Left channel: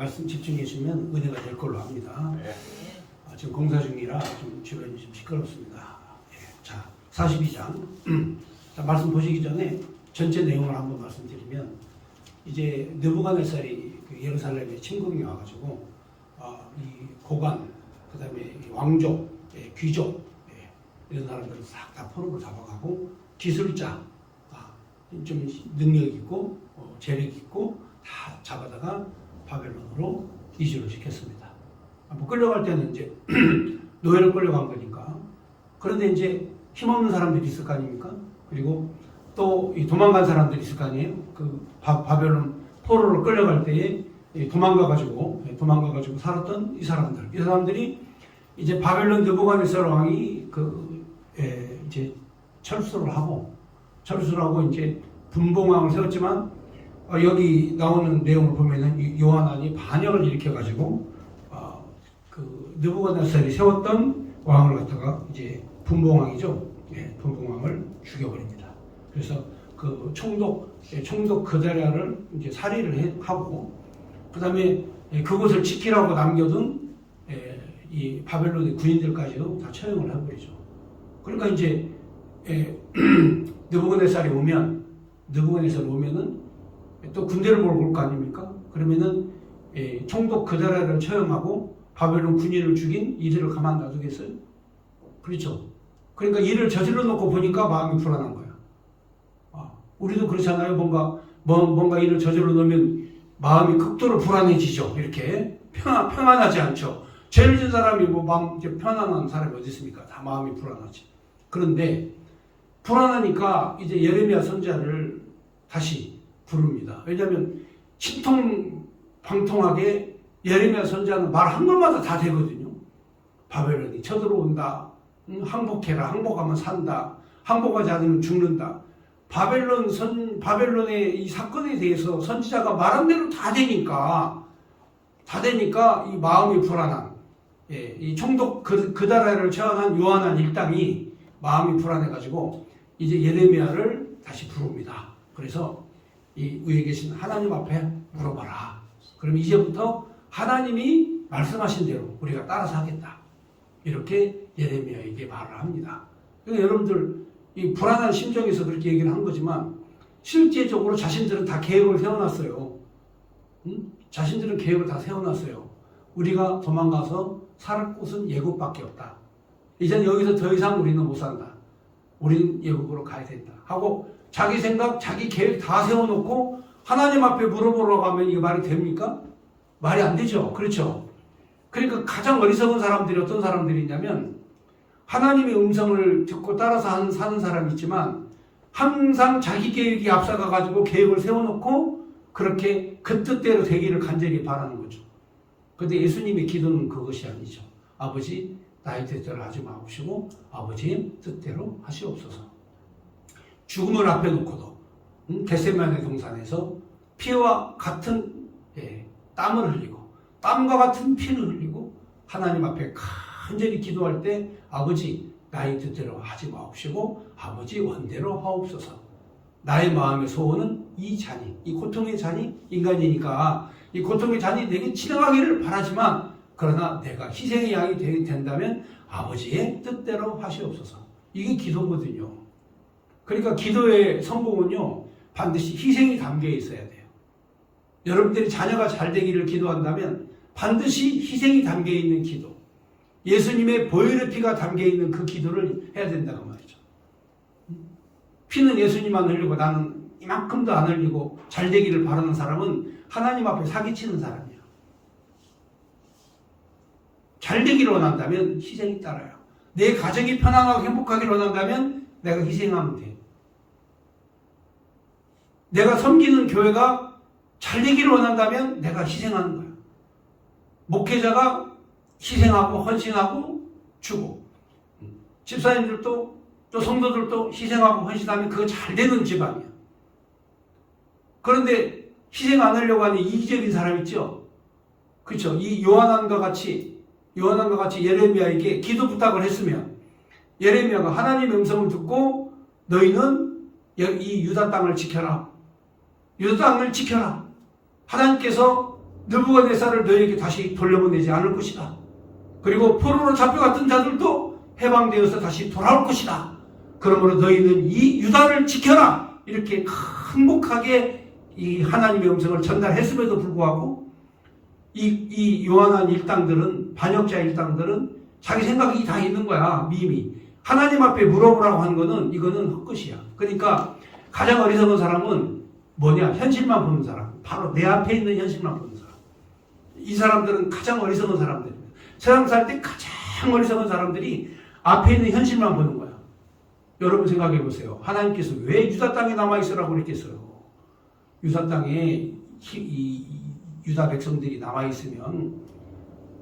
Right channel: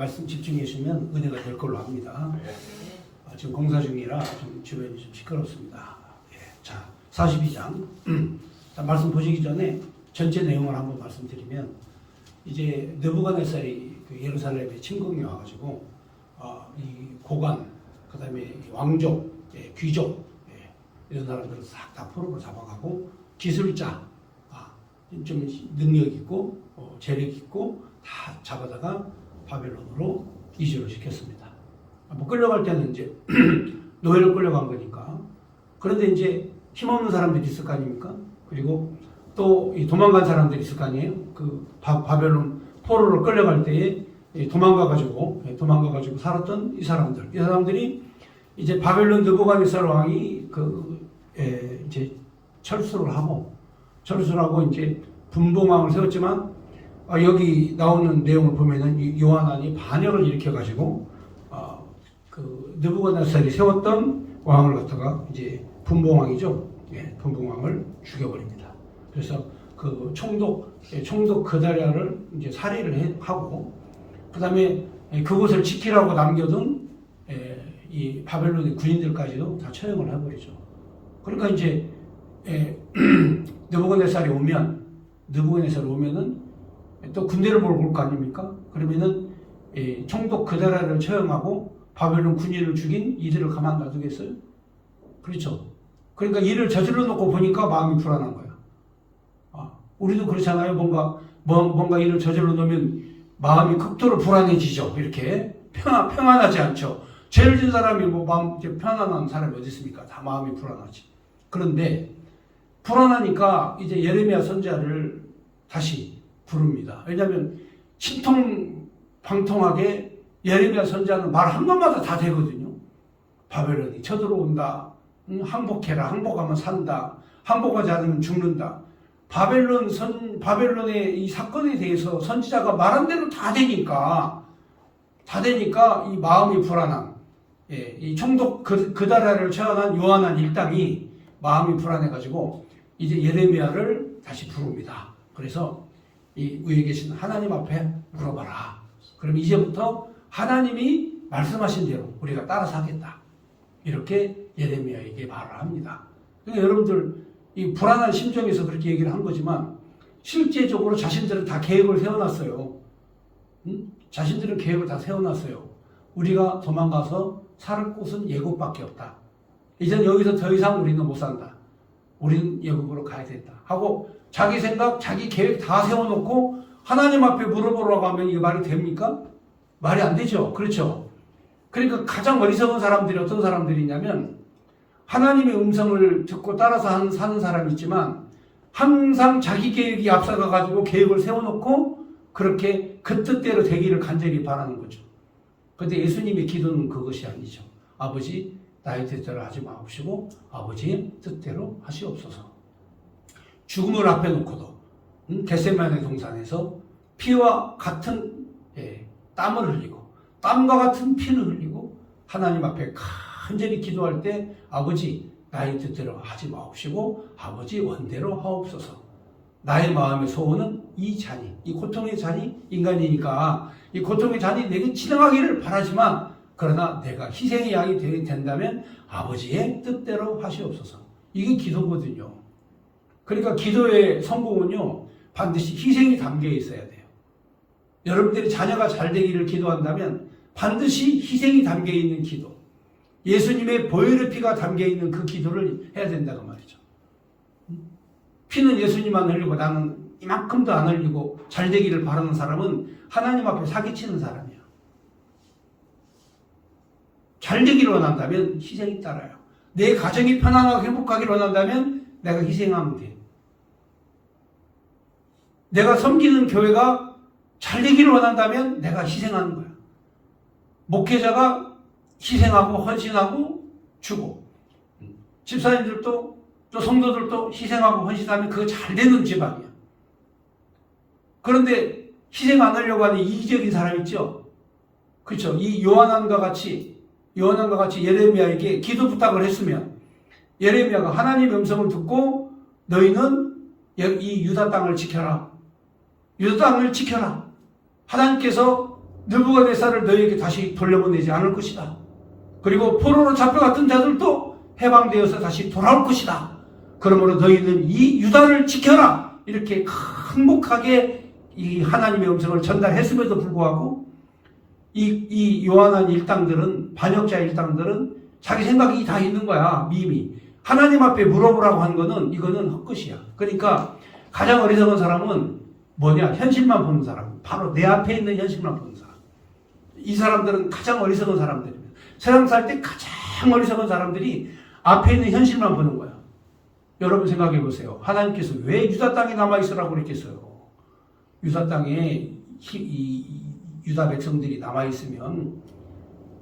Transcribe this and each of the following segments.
말씀 집중해 주시면 은혜가 될 걸로 합니다. 지금 공사 중이라 좀 주변이 좀 시끄럽습니다. 자, 42장. 자, 말씀 보시기 전에 전체 내용을 한번 말씀드리면, 이제 느부갓네살이 그 예루살렘에 침공이 와가지고 이 고관, 그다음에 왕족, 귀족 이런 사람들을 싹 다 포로로 잡아가고, 기술자, 좀 능력 있고 재력 있고 다 잡아다가 바벨론으로 이주를 시켰습니다. 뭐 끌려갈 때는 이제 노예로 끌려간 거니까. 그런데 이제 힘없는 사람들이 있을 거 아닙니까? 그리고 또 도망간 사람들이 있을 거 아니에요? 그 바벨론 포로로 끌려갈 때에 도망가가지고 살았던 이 사람들이 이제 바벨론 느부갓네살 왕이 이제 철수를 하고 이제 분봉왕을 세웠지만, 여기 나오는 내용을 보면은 요한안이 반역을 일으켜가지고 그 느부갓네살이 세웠던 왕을 갖다가 이제 분봉왕이죠. 분봉왕을 죽여버립니다. 그래서 그 총독 그다랴를 이제 살해를 하고, 그다음에 그곳을 지키라고 남겨둔 이 바벨론의 군인들까지도 다 처형을 해버리죠. 그러니까 이제 느부갓네살이 오면은 또 군대를 몰고 올 거 아닙니까? 그러면은 총독 그다랴를 처형하고 바벨론 군인을 죽인 이들을 가만 놔두겠어요? 그렇죠. 그러니까 일을 저질러 놓고 보니까 마음이 불안한 거야. 우리도 그렇잖아요. 뭔가 일을 저질러 놓으면 마음이 극도로 불안해지죠. 이렇게 평안하지 않죠. 죄를 진 사람이 뭐 마음 편안한 사람이 어디 있습니까? 다 마음이 불안하지. 그런데 불안하니까 이제 예레미야 선지자를 다시 부릅니다. 왜냐하면 신통방통하게 예레미야 선지자는 말 한 번마다 다 되거든요. 바벨론이 쳐들어온다. 항복해라. 항복하면 산다. 항복하지 않으면 죽는다. 바벨론의 이 사건에 대해서 선지자가 말한 대로 다 되니까 이 마음이 불안한, 이 총독 그다랴를 처형한 요한안 일당이 마음이 불안해가지고 이제 예레미야를 다시 부릅니다. 그래서 이 위에 계신 하나님 앞에 물어봐라. 그러면 이제부터 하나님이 말씀하신 대로 우리가 따라서 하겠다. 이렇게 예레미야에게 말을 합니다. 그러니까 여러분들 이 불안한 심정에서 그렇게 얘기를 한 거지만, 실제적으로 자신들은 다 계획을 세워놨어요. 자신들은 계획을 다 세워놨어요. 우리가 도망가서 살 곳은 예국밖에 없다. 이젠 여기서 더 이상 우리는 못 산다. 우리는 예국으로 가야 된다 하고 자기 생각, 자기 계획 다 세워놓고 하나님 앞에 물어보러 가면 이게 말이 됩니까? 말이 안 되죠. 그렇죠. 그러니까 가장 어리석은 사람들이 어떤 사람들이냐면, 하나님의 음성을 듣고 따라서 사는 사람이 있지만 항상 자기 계획이 앞서가가지고 계획을 세워놓고 그렇게 그 뜻대로 되기를 간절히 바라는 거죠. 그런데 예수님의 기도는 그것이 아니죠. 아버지, 나의 뜻대로 하지 마옵시고 아버지의 뜻대로 하시옵소서. 죽음을 앞에 놓고도 겟세마네 동산에서 피와 같은 땀을 흘리고 땀과 같은 피를 흘리고 하나님 앞에 간절히 기도할 때, 아버지, 나의 뜻대로 하지 마옵시고 아버지 원대로 하옵소서. 나의 마음의 소원은 이 고통의 잔이 인간이니까 이 고통의 잔이 내게 지나가기를 바라지만, 그러나 내가 희생의 양이 된다면 아버지의 뜻대로 하시옵소서. 이게 기도거든요. 그러니까 기도의 성공은요, 반드시 희생이 담겨 있어야 돼요. 여러분들이 자녀가 잘 되기를 기도한다면 반드시 희생이 담겨 있는 기도, 예수님의 보혈의 피가 담겨 있는 그 기도를 해야 된다고 말이죠. 피는 예수님만 흘리고 나는 이만큼도 안 흘리고 잘 되기를 바라는 사람은 하나님 앞에 사기치는 사람이야. 잘 되기를 원한다면 희생이 따라요. 내 가정이 편안하고 행복하기를 원한다면 내가 희생하면 돼. 내가 섬기는 교회가 잘 되기를 원한다면 내가 희생하는 거야. 목회자가 희생하고 헌신하고 주고, 집사님들도 또 성도들도 희생하고 헌신하면 그거 잘 되는 집안이야. 그런데 희생 안 하려고 하는 이기적인 사람 있죠? 그렇죠? 이 요한안과 같이 예레미야에게 기도 부탁을 했으면, 예레미야가 하나님의 음성을 듣고 너희는 이 유다 땅을 지켜라. 유다 땅을 지켜라. 하나님께서 느부갓네살을 너희에게 다시 돌려보내지 않을 것이다. 그리고 포로로 잡혀갔던 자들도 해방되어서 다시 돌아올 것이다. 그러므로 너희는 이 유다를 지켜라. 이렇게 행복하게 이 하나님의 음성을 전달했음에도 불구하고 이 요한한 일당들은, 반역자 일당들은 자기 생각이 다 있는 거야. 미미. 하나님 앞에 물어보라고 한 거는 이거는 헛것이야. 그러니까 가장 어리석은 사람은 뭐냐? 현실만 보는 사람. 바로 내 앞에 있는 현실만 보는 사람. 이 사람들은 가장 어리석은 사람들입니다. 세상 살 때 가장 어리석은 사람들이 앞에 있는 현실만 보는 거야. 여러분 생각해 보세요. 하나님께서 왜 유다 땅에 남아있으라고 그랬겠어요? 유다 땅에 유다 백성들이 남아있으면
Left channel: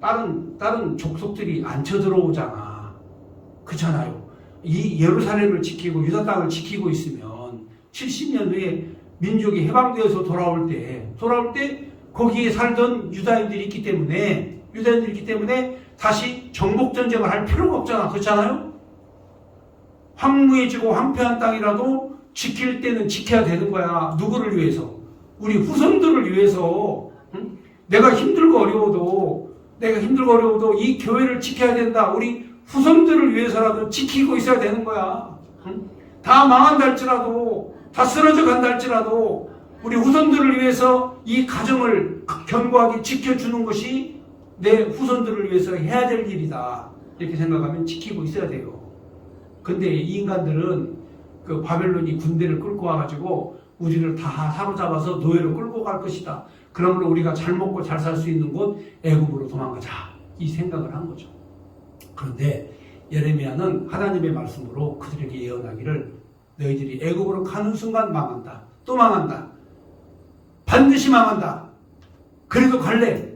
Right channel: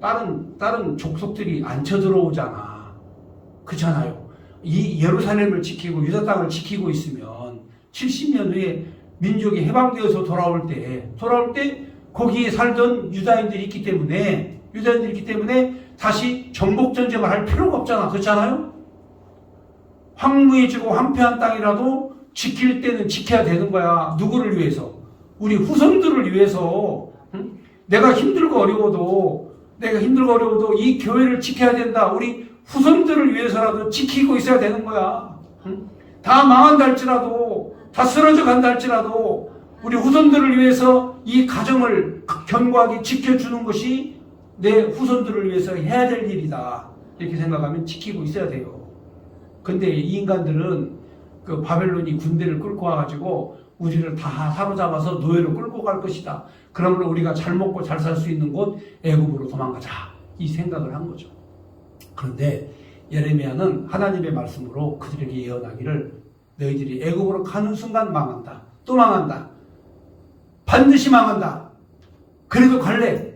다른 족속들이 안 쳐들어오잖아. 그렇잖아요. 이 예루살렘을 지키고 유다 땅을 지키고 있으면 70년 후에 민족이 해방되어서 돌아올 때 거기에 살던 유다인들이 있기 때문에 다시 정복전쟁을 할 필요가 없잖아. 그렇잖아요? 황무해지고 황폐한 땅이라도 지킬 때는 지켜야 되는 거야. 누구를 위해서? 우리 후손들을 위해서. 응? 내가 힘들고 어려워도 이 교회를 지켜야 된다. 우리 후손들을 위해서라도 지키고 있어야 되는 거야. 응? 다 망한다 할지라도, 다 쓰러져 간다 할지라도 우리 후손들을 위해서 이 가정을 견고하게 지켜주는 것이 내 후손들을 위해서 해야 될 일이다. 이렇게 생각하면 지키고 있어야 돼요. 근데 이 인간들은 그 바벨론이 군대를 끌고 와가지고 우리를 다 사로잡아서 노예로 끌고 갈 것이다. 그러므로 우리가 잘 먹고 잘 살 수 있는 곳 애굽으로 도망가자. 이 생각을 한 거죠. 그런데 예레미야는 하나님의 말씀으로 그들에게 예언하기를 너희들이 애굽으로 가는 순간 망한다. 또 망한다. 반드시 망한다. 그래도 갈래.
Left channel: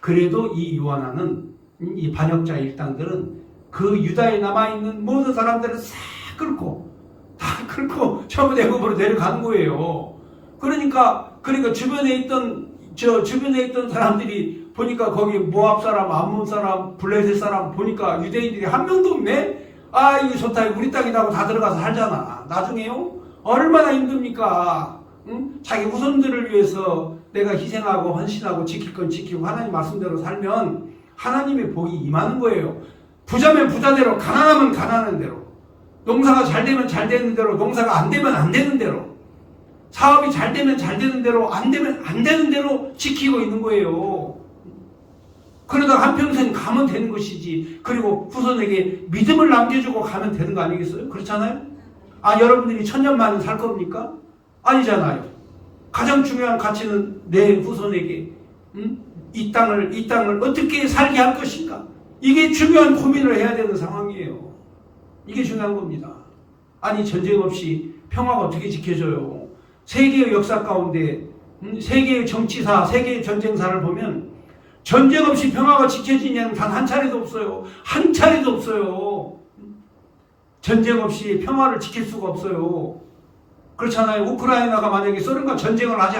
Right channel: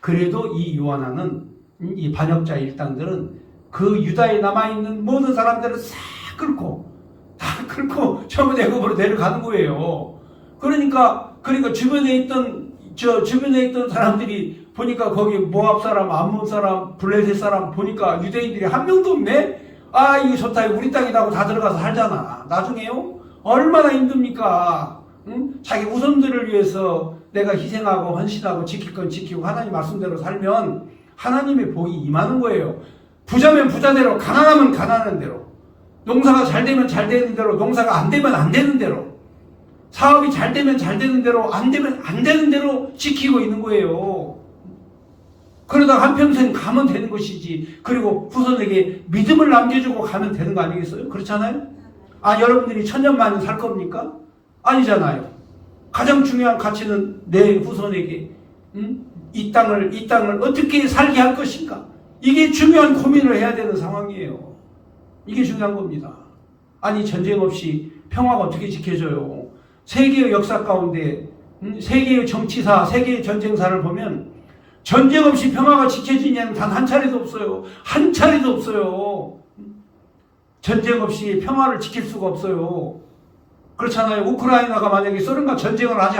그래도 이 요한하는 이 반역자 일당들은 그 유다에 남아있는 모든 사람들을 다 끌고 전부 애굽으로 내려가는 거예요. 그러니까 주변에 있던 사람들이 보니까 거기 모압 사람, 암몬 사람, 블레셋 사람 보니까 유대인들이 한 명도 없네. 아, 이거 좋다. 우리 땅이라고 다 들어가서 살잖아. 나중에요. 얼마나 힘듭니까? 응? 자기 후손들을 위해서 내가 희생하고 헌신하고 지킬 건 지키고 하나님 말씀대로 살면 하나님의 복이 임하는 거예요. 부자면 부자대로, 가난하면 가난한 대로, 농사가 잘 되면 잘 되는 대로, 농사가 안 되면 안 되는 대로, 사업이 잘 되면 잘 되는 대로, 안 되면 안 되는 대로 지키고 있는 거예요. 그러다 한평생 가면 되는 것이지. 그리고 후손에게 믿음을 남겨주고 가면 되는 거 아니겠어요? 그렇잖아요? 아, 여러분들이 천년만년 살 겁니까? 아니잖아요. 가장 중요한 가치는 내 후손에게 이 땅을 어떻게 살게 할 것인가? 이게 중요한 고민을 해야 되는 상황이에요. 이게 중요한 겁니다. 아니, 전쟁 없이 평화가 어떻게 지켜져요? 세계의 역사 가운데 세계의 정치사, 세계의 전쟁사를 보면 전쟁 없이 평화가 지켜진 예는 단 한 차례도 없어요. 한 차례도 없어요. 전쟁 없이 평화를 지킬 수가 없어요. 그렇잖아요. 우크라이나가 만약에 소련과 전쟁을 하지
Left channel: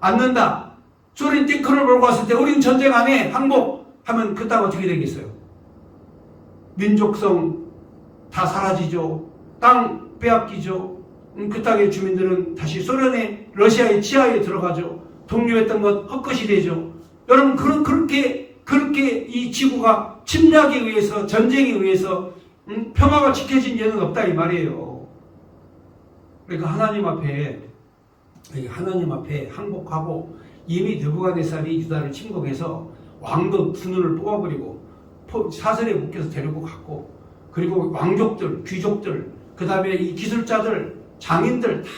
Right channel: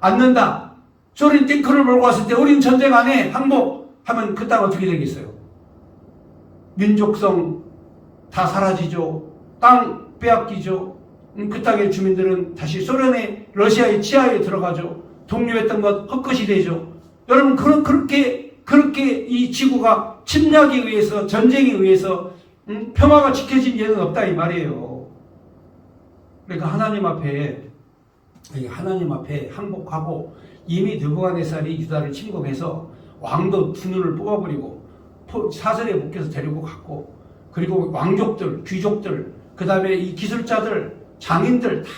않는다. 소련이 탱크를 몰고 왔을 때 우리는 전쟁 안 해. 항복하면 그 땅 어떻게 되겠어요? 민족성 다 사라지죠. 땅 빼앗기죠. 그 땅의 주민들은 다시 러시아의 지하에 들어가죠. 독립했던 것 헛것이 되죠. 여러분, 그렇게 이 지구가 침략에 의해서, 전쟁에 의해서 평화가 지켜진 예는 없다 이 말이에요. 그러니까 하나님 앞에 항복하고 이미 느부갓네살이 유다를 침공해서 왕도 두 눈을 뽑아버리고 사슬에 묶여서 데리고 갔고, 그리고 왕족들, 귀족들, 그 다음에 이 기술자들, 장인들 다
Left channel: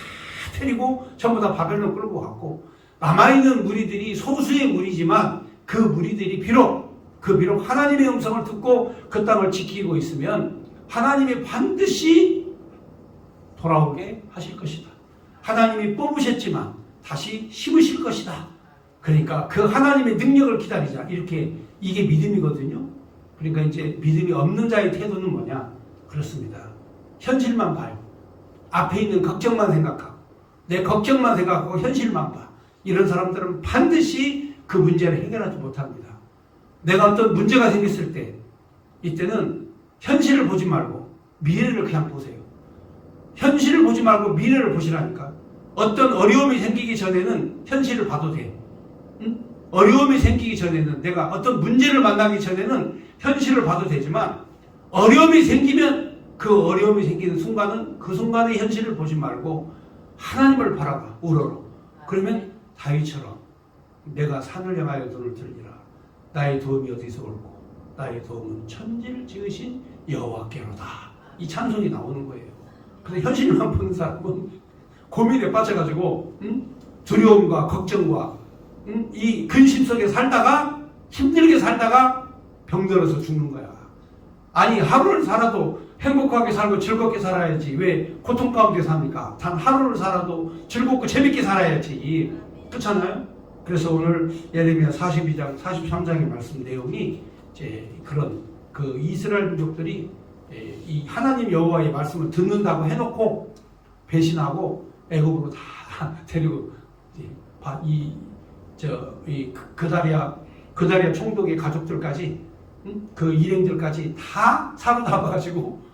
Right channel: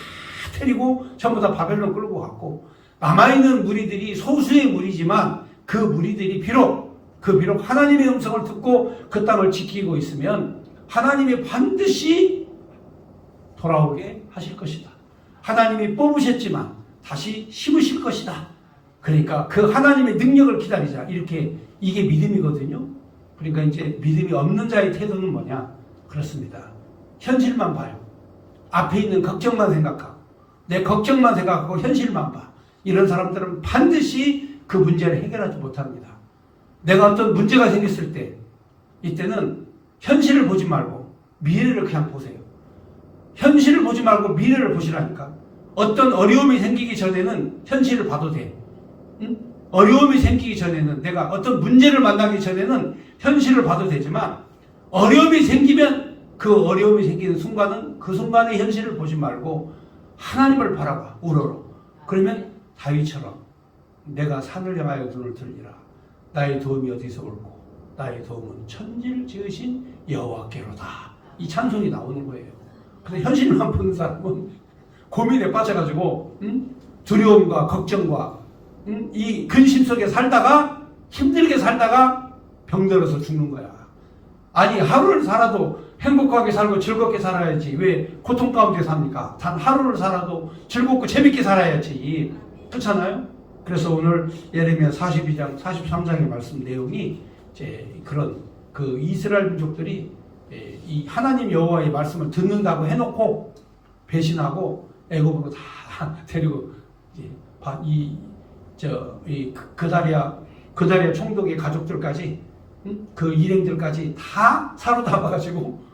데리고 전부 다 바벨론 끌고 갔고, 남아있는 무리들이 소수의 무리지만 그 무리들이 비록 하나님의 음성을 듣고 그 땅을 지키고 있으면 하나님이 반드시 돌아오게 하실 것이다. 하나님이 뽑으셨지만 다시 심으실 것이다. 그러니까 그 하나님의 능력을 기다리자. 이게 믿음이거든요. 그러니까 이제 믿음이 없는 자의 태도는 뭐냐? 그렇습니다. 현실만 봐요. 앞에 있는 걱정만 생각하고, 내 걱정만 생각하고 현실만 봐. 이런 사람들은 반드시 그 문제를 해결하지 못합니다. 내가 어떤 문제가 생겼을 때, 이때는 현실을 보지 말고 미래를 그냥 보세요. 현실을 보지 말고 미래를 보시라니까. 어떤 어려움이 생기기 전에는 현실을 봐도 돼. 응? 어려움이 생기기 전에는, 내가 어떤 문제를 만나기 전에는 현실을 봐도 되지만 어려움이 생기면 그 어려움이 생기는 순간은 그 순간의 현실을 보지 말고 하나님을 바라봐, 우러러. 그러면 다윗처럼 내가 산을 향하여 눈을 들리라. 나의 도움이 어디서 올고 나의 도움은 천지를 지으신 여호와께로다. 이 찬송이 나오는 거예요. 근데 현실만 보는 사람은 고민에 빠져가지고 두려움과 걱정과 이 근심 속에 살다가 힘들게 살다가 병들어서 죽는 거야. 아니 하루를 살아도 행복하게 살고 즐겁게 살아야지 왜 고통 가운데 삽니까? 단 하루를 살아도 즐겁고 재밌게 살아야지. 그렇잖아요? 그래서 오늘 예레미야 42장 43장의 말씀 내용이 이제 그런 그 이스라엘 민족들이 이 하나님 여호와의 말씀을 듣는다고 해놓고 배신하고 애굽으로 다 데리고 이 그다리아 총독의 가족들까지 그 일행들까지 다 사로잡아가지고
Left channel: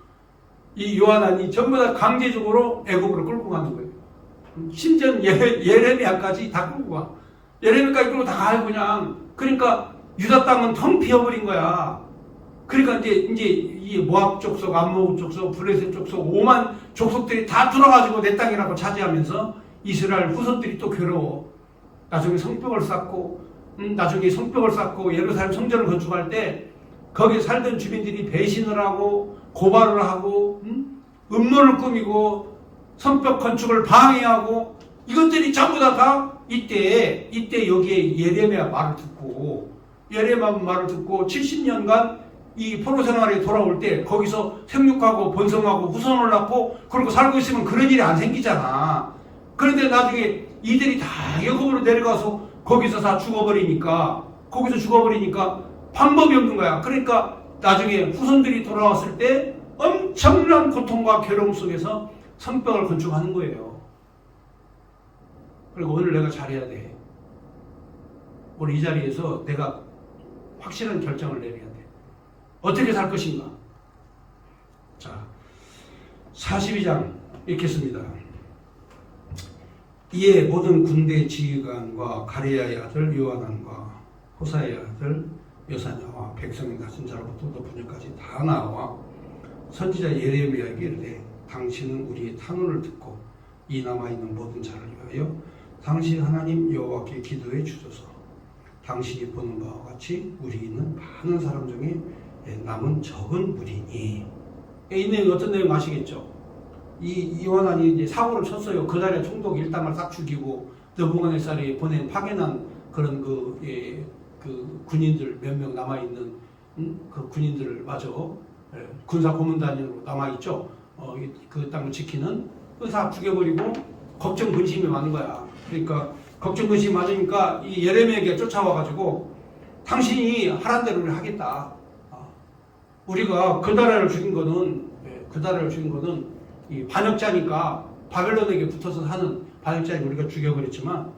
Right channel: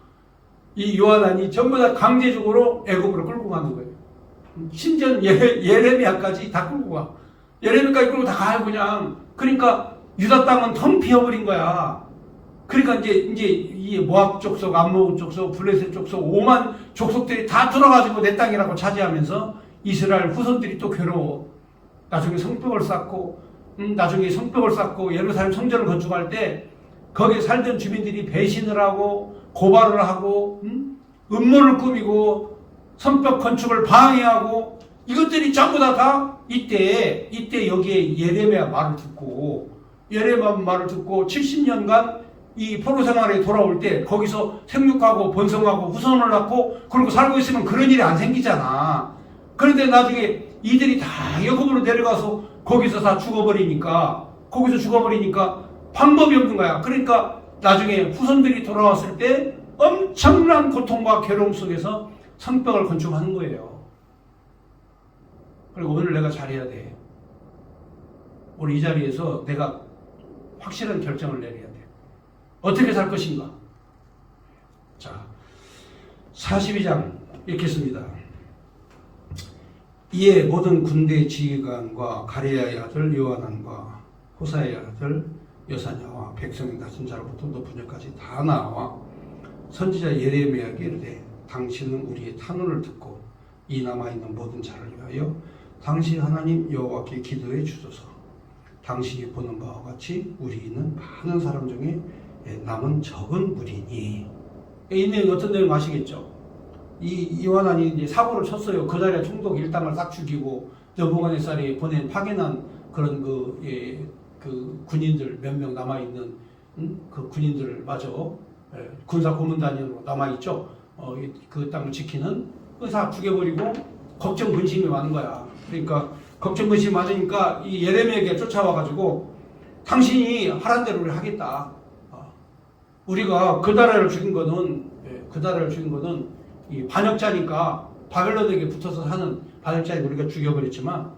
이 요한안이 전부 다 강제적으로 애굽으로 끌고 가는 거예요. 심지어 예레미야까지 다 끌고 가. 예레미야까지 끌고 다 가요 그냥. 그러니까 유다 땅은 텅 비어버린 거야. 그러니까 이제 이 모압 족속, 암몬 족속, 블레셋 족속 5만 족속들이 다 들어가지고 내 땅이라고 차지하면서 이스라엘 후손들이 또 괴로워. 나중에 성벽을 쌓고 예루살렘 성전을 건축할 때 거기에 살던 주민들이 배신을 하고 고발을 하고 음모를 꾸미고 성벽 건축을 방해하고 이것들이 전부 다 이때 여기에 예레미야 말을 듣고 70년간 이 포로 생활에 돌아올 때 거기서 생육하고 번성하고 후손을 낳고 그리고 살고 있으면 그런 일이 안 생기잖아. 그런데 나중에 이들이 다 애굽으로 내려가서 거기서 다 죽어버리니까 방법이 없는 거야. 그러니까 나중에 후손들이 돌아왔을 때 엄청난 고통과 괴로움 속에서 성벽을 건축하는 거예요. 그리고 오늘 내가 잘해야 돼. 오늘 이 자리에서 내가 확실한 결정을 내려야 돼. 어떻게 살 것인가? 자, 42장 읽겠습니다. 이에 모든 군대 지휘관과 가리야의 아들 요하난과 호사의 아들 여사냐와 백성의 낮은 자로부터 높은 자까지 다 나와 선지자 예레미야에게 이르되 당신은 우리의 탄원을 듣고 이 남아있는 모든 자를 위하여 당신 하나님 여호와께 기도해 주소서. 당신이 보는 바와 같이 우리는 많은 사람 중에 남은 적은 무리니. 이 내용 어떤 내용 아시겠죠? 이 요한안이 이제 사고를 쳤어요. 그다리아 총독 일당을 딱 죽이고 느부갓네살이 보낸 파견한 그런 그 군인들 몇 명 남아 있는 그 군인들 마저 군사 고문단으로 남아 있죠. 그 땅을 지키는 그 다 죽여버리고 걱정 근심이 많은 거야. 그러니까 걱정 근심이 많으니까 이 예레미야에게 쫓아와가지고 당신이 하란 대로 하겠다. 우리가 그다리아를 죽인 거는 이 반역자니까 바벨론에게 붙어서 사는 반역자니까 우리가 죽여버렸지만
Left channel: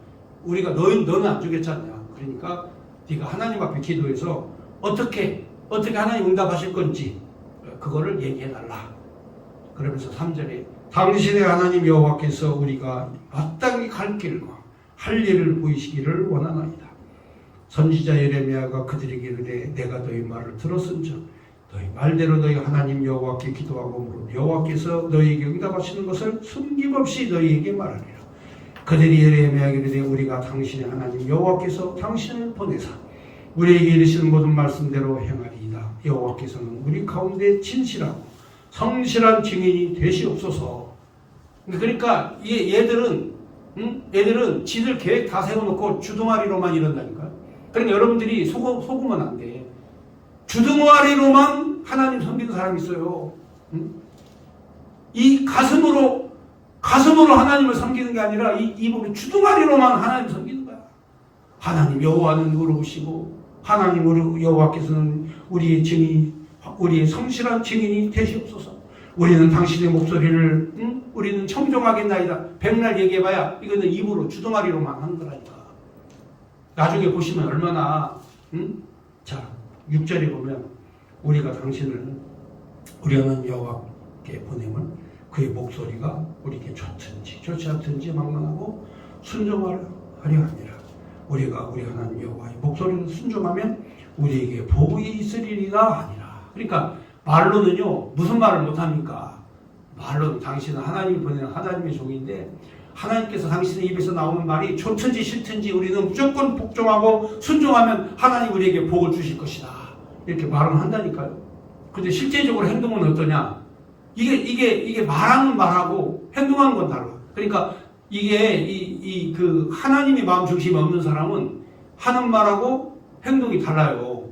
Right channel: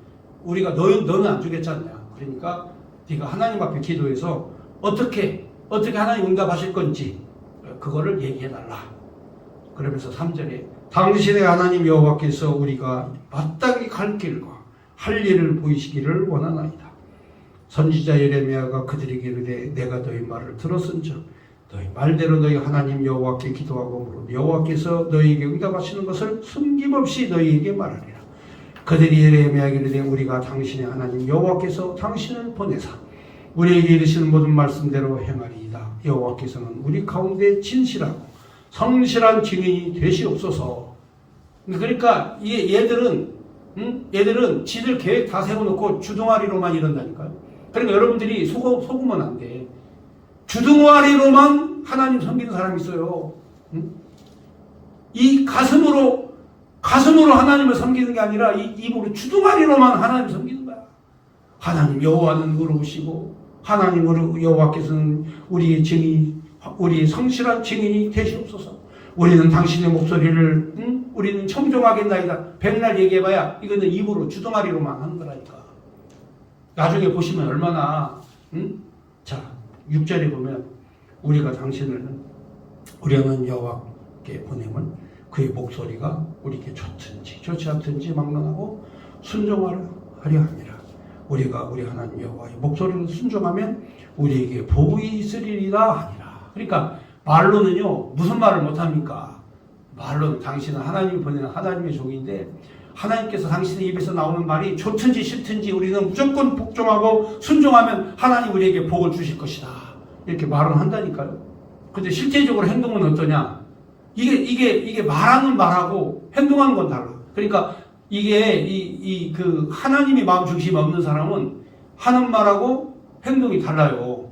우리가 너는 안 죽였잖냐. 그러니까 네가 하나님 앞에 기도해서 어떻게 하나님 응답하실 건지 그거를 얘기해달라. 그러면서 3절에 당신의 하나님 여호와께서 우리가 마땅히 갈 길과 할 일을 보이시기를 원하나이다. 선지자 예레미야가 그들에게 이르되 내가 너희 말을 들었은즉 너희 말대로 너희 하나님 여호와께 기도하고 여호와께서 너희에게 응답하시는 것을 숨김없이 너희에게 말하리라. 그들이 예레미야에게 이르되 우리가 당신의 하나님 여호와께서 당신을 보내사 우리에게 이르시는 모든 말씀대로 행하리이다. 여호와께서는 우리 가운데 진실하고 성실한 증인이 되시옵소서. 그러니까 얘들은 지들 계획 다 세워놓고 주둥아리로만 이런다니까요. 그러니까 여러분들이 속으면 안 돼. 주둥아리로만 하나님 섬기는 사람이 있어요. 이 가슴으로 하나님을 섬기는 게 아니라 이 입으로 주둥아리로만 하나님을 섬기는 거야. 하나님 여호와는 의로우시고 하나님 여호와께서는 우리의 성실한 증인이 되시옵소서. 우리는 당신의 목소리를 우리는 청종하겠나이다. 백날 얘기해봐야 이거는 입으로 주둥아리로만 하는 거라니까. 나중에 보시면 얼마나 자 6절에 보면 우리가 당신을 우리는 여호와께 보내면 그의 목소리가 우리에게 좋든지 좋지 않든지 막론하고 순종하려 하니라. 우리가 우리 하나님 여호와의 목소리를 순종하면 우리에게 복이 있으리라 하니라. 그러니까 말로는요 무슨 말을 못합니까? 말로는 당신은 하나님이 보내는 하나님의 종인데 하나님께서 당신의 입에서 나오는 말이 좋든지 싫든지 우리는 무조건 복종하고 순종하면 하나님 우리에게 복을 주실 것이다. 이렇게 말은 한다니까요. 근데 실제적으로 행동은 어떠냐? 이게 말하는 말하고 행동하는 건 달라. 그러니까 이게 그 하나님의 마음 중심이 없는 사람은 하는 말하고 행동이 달라요.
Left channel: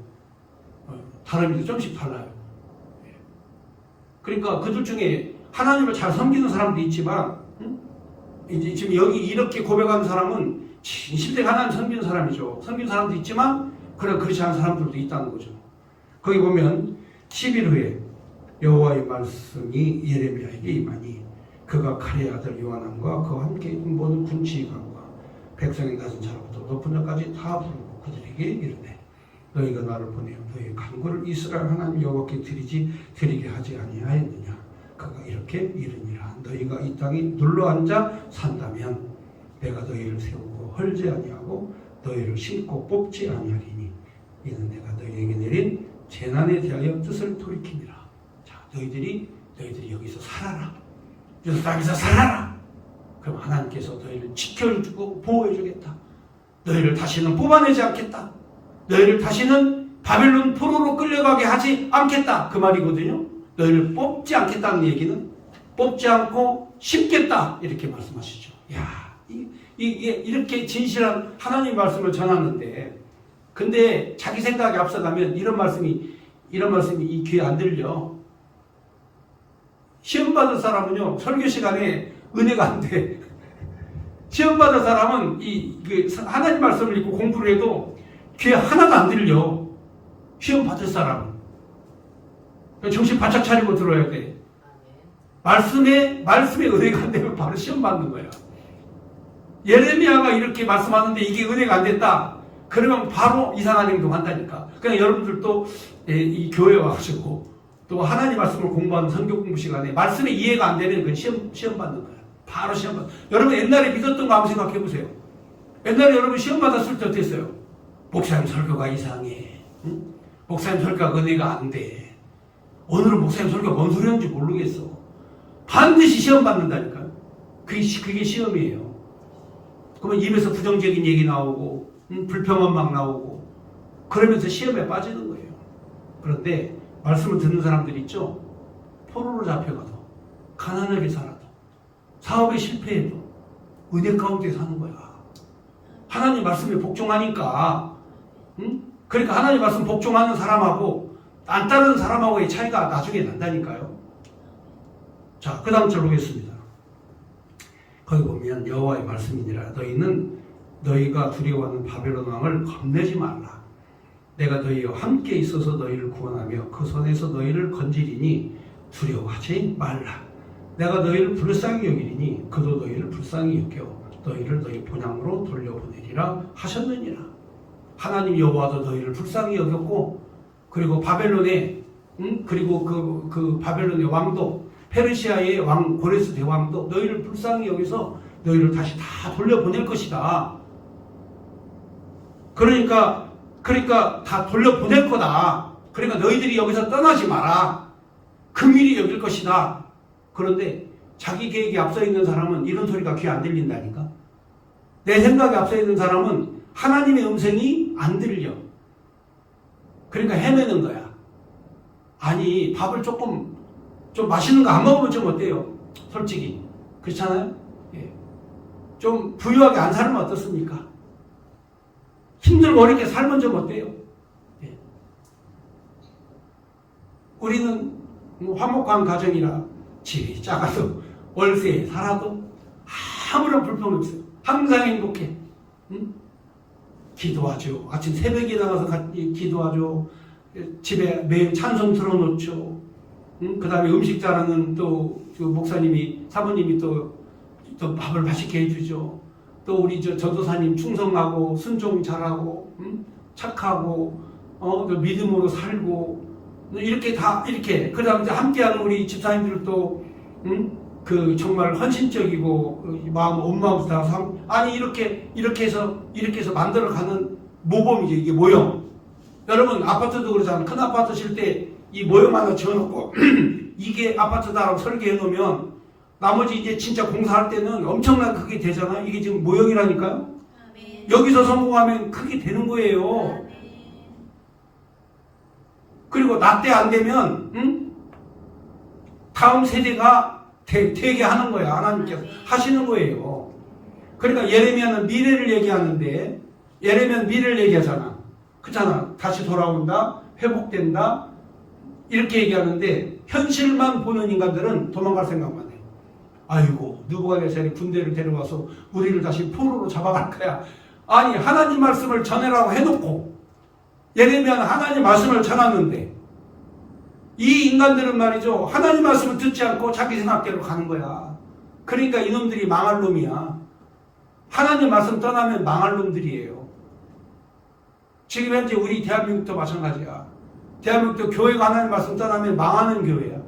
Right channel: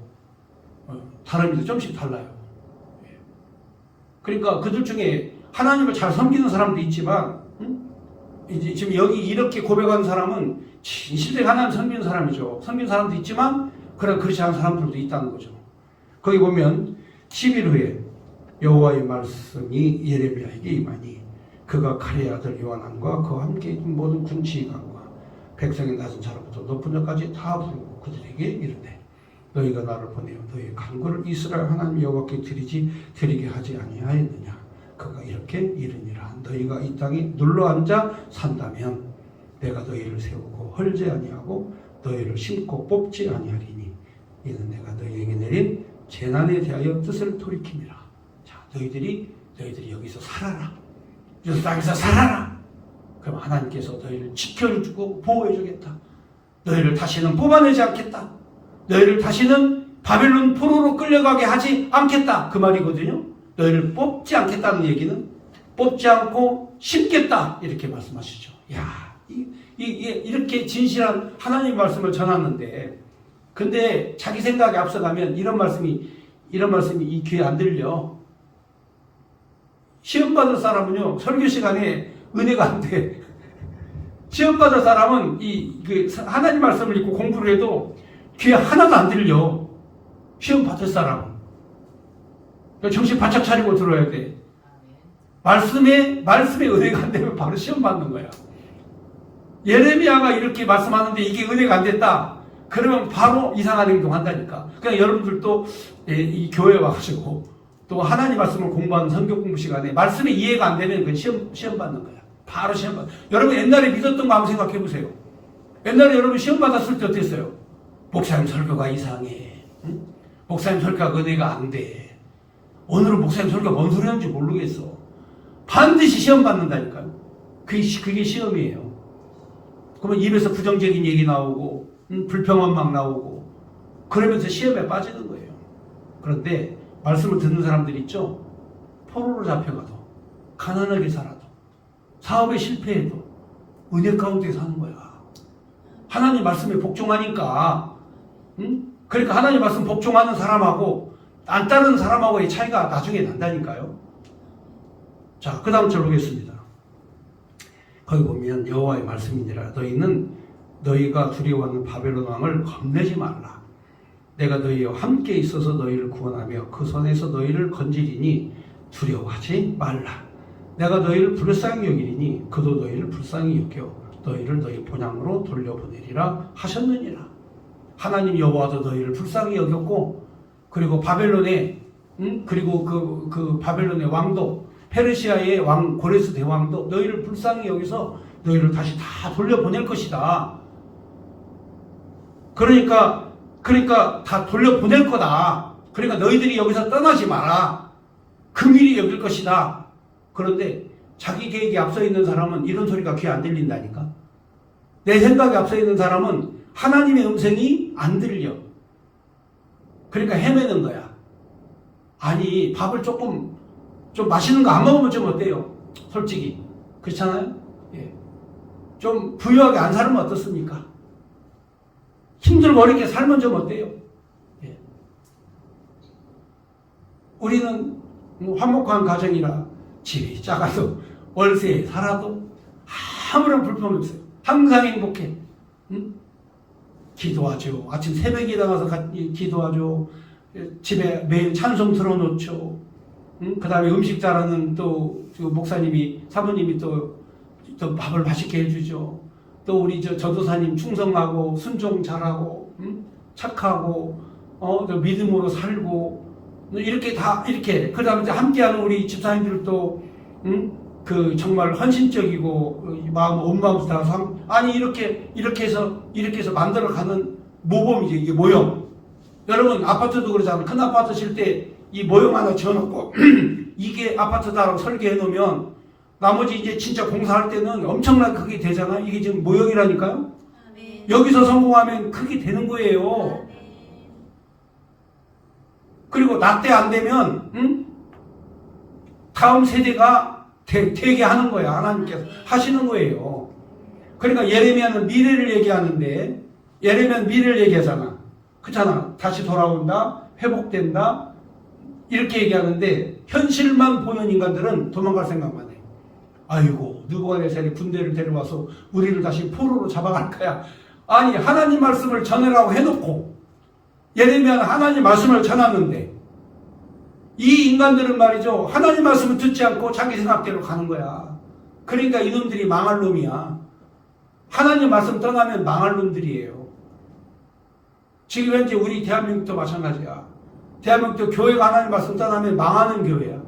다릅니다. 좀씩 달라요. 그러니까 그들 중에 하나님을 잘 섬기는 사람도 있지만, 이제 지금 여기 이렇게 고백하는 사람은 진실되게 하나님 섬기는 사람이죠. 섬기는 사람도 있지만, 그러나 그렇지 않은 사람들도 있다는 거죠. 거기 보면 10일 후에 여호와의 말씀이 예레미야에게 임하니 그가 칼의 아들 요하난과 그와 함께 있는 모든 군치관과 백성의 낮은 자로부터 높은 자까지 다 부르고 그들에게 이르되 너희가 나를 보내어 너희 간구를 이스라엘 하나님 여호와께 드리게 하지 아니하였느냐. 그가 이렇게 이르니라. 너희가 이 땅에 눌러앉아 산다면 내가 너희를 세우고 헐지 아니하고 너희를 심고 뽑지 아니하리니 이는 내가 너희에게 내린 재난에 대하여 뜻을 돌이킵니다. 자, 너희들이 여기서 살아라. 그래서 땅에서 살아라. 그럼 하나님께서 너희를 지켜주고 보호해주겠다. 너희를 다시는 뽑아내지 않겠다. 너희를 다시는 바벨론 포로로 끌려가게 하지 않겠다. 그 말이거든요. 너희를 뽑지 않겠다는 얘기는 뽑지 않고 심겠다. 이렇게 말씀하시죠. 야, 이게 이렇게 진실한 하나님 말씀을 전하는데, 근데 자기 생각에 앞서가면 이런 말씀이 이 귀에 안 들려. 시험 받을 사람은요 설교 시간에 은혜가 안 돼. 시험 받을 사람은 하나님 말씀을 읽고 공부를 해도 귀에 하나가 안 들려. 시험 받을 사람은 정신 바짝 차리고 들어야 돼. 말씀에 은혜가 안 되면 바로 시험 받는 거야. 예레미야가 이렇게 말씀하는데 이게 은혜가 안 됐다. 그러면 바로 이상한 행동한다니까. 그냥 여러분들도 이 교회 와가지고 또 하나님 말씀을 공부하는 성경 공부 시간에 말씀에 이해가 안 되면 그건 시험 받는 거야. 바로 시험 받는. 여러분 옛날에 믿었던 거 한번 생각해 보세요. 옛날에 여러분 시험 받았을 때 어땠어요? 목사님 설교가 이상해. 응? 목사님 설교가 은혜가 안 돼. 오늘은 목사님 설교가 뭔 소리 하는지 모르겠어. 반드시 시험 받는다니까. 그게 시험이에요. 그러면 입에서 부정적인 얘기 나오고 불평은 막 나오고 그러면서 시험에 빠지는 거예요. 그런데 말씀을 듣는 사람들이 있죠. 포로로 잡혀가도 가난하게 살아도 사업에 실패해도 은혜 가운데 사는 거야. 하나님 말씀에 복종하니까. 그러니까 하나님 말씀 복종하는 사람하고 안 따르는 사람하고의 차이가 나중에 난다니까요. 자, 그 다음 절 보겠습니다. 거기 보면 여호와의 말씀이니라. 너희가 두려워하는 바벨론 왕을 겁내지 말라. 내가 너희와 함께 있어서 너희를 구원하며 그 손에서 너희를 건지리니 두려워하지 말라. 내가 너희를 불쌍히 여기리니 그도 너희를 불쌍히 여겨 너희를 너희 본향으로 돌려보내리라 하셨느니라. 하나님 여호와도 너희를 불쌍히 여겼고, 그리고 바벨론의 그리고 그 바벨론의 왕도, 페르시아의 왕 고레스 대왕도 너희를 불쌍히 여기서 너희를 다시 다 돌려보낼 것이다. 그러니까 다 돌려보낼 거다. 그러니까 너희들이 여기서 떠나지 마라. 긍휼히 여길 것이다. 그런데 자기 계획에 앞서 있는 사람은 이런 소리가 귀에 안 들린다니까. 내 생각에 앞서 있는 사람은 하나님의 음성이 안 들려. 그러니까 헤매는 거야. 아니, 밥을 좀 맛있는 거 안 먹으면 좀 어때요? 솔직히. 그렇잖아요? 예. 좀 부유하게 안 살면 어떻습니까? 힘들고 어렵게 살면 좀 어때요? 예. 우리는 화목한 가정이라 집이 작아도 월세에 살아도 아무런 불평 없어요. 항상 행복해. 응? 기도하죠. 아침 새벽에 일어나서 기도하죠. 집에 매일 찬송 틀어놓죠. 응? 그 다음에 음식 잘하는 또 목사님이, 사모님이 또 밥을 맛있게 해주죠. 또 우리 전도사님 충성하고 순종 잘하고, 응? 착하고, 또 믿음으로 살고, 이렇게 다 이렇게. 그 다음에 함께하는 우리 집사님들도, 정말 헌신적이고 마음 온 마음 다 아니 이렇게 해서 이렇게 해서 만들어가는 모범이죠. 이게 모형. 여러분 아파트도 그러잖아요. 큰 아파트 질 때 이 모형 하나 지어놓고 이게 아파트다라고 설계해 놓으면 나머지 이제 진짜 공사할 때는 엄청나게 크게 되잖아요. 이게 지금 모형이라니까요. 여기서 성공하면 크게 되는 거예요. 그리고 나 때 안 되면 다음 세대가 되게 하는 거야. 하나님께서 하시는 거예요. 그러니까 예레미야는 미래를 얘기하는데 예레미야는 미래를 얘기하잖아. 그렇잖아. 다시 돌아온다. 회복된다. 이렇게 얘기하는데 현실만 보는 인간들은 도망갈 생각만 해. 아이고 느부갓네살이 군대를 데려와서 우리를 다시 포로로 잡아갈 거야. 아니 하나님 말씀을 전해라고 해놓고 예레미야는 하나님 말씀을 전하는데 이 인간들은 말이죠. 하나님 말씀을 듣지 않고 자기 생각대로 가는 거야. 그러니까 이놈들이 망할 놈이야. 하나님 말씀 떠나면 망할 놈들이에요. 지금 현재 우리 대한민국도 마찬가지야. 대한민국도 교회가 하나님 말씀 떠나면 망하는 교회야.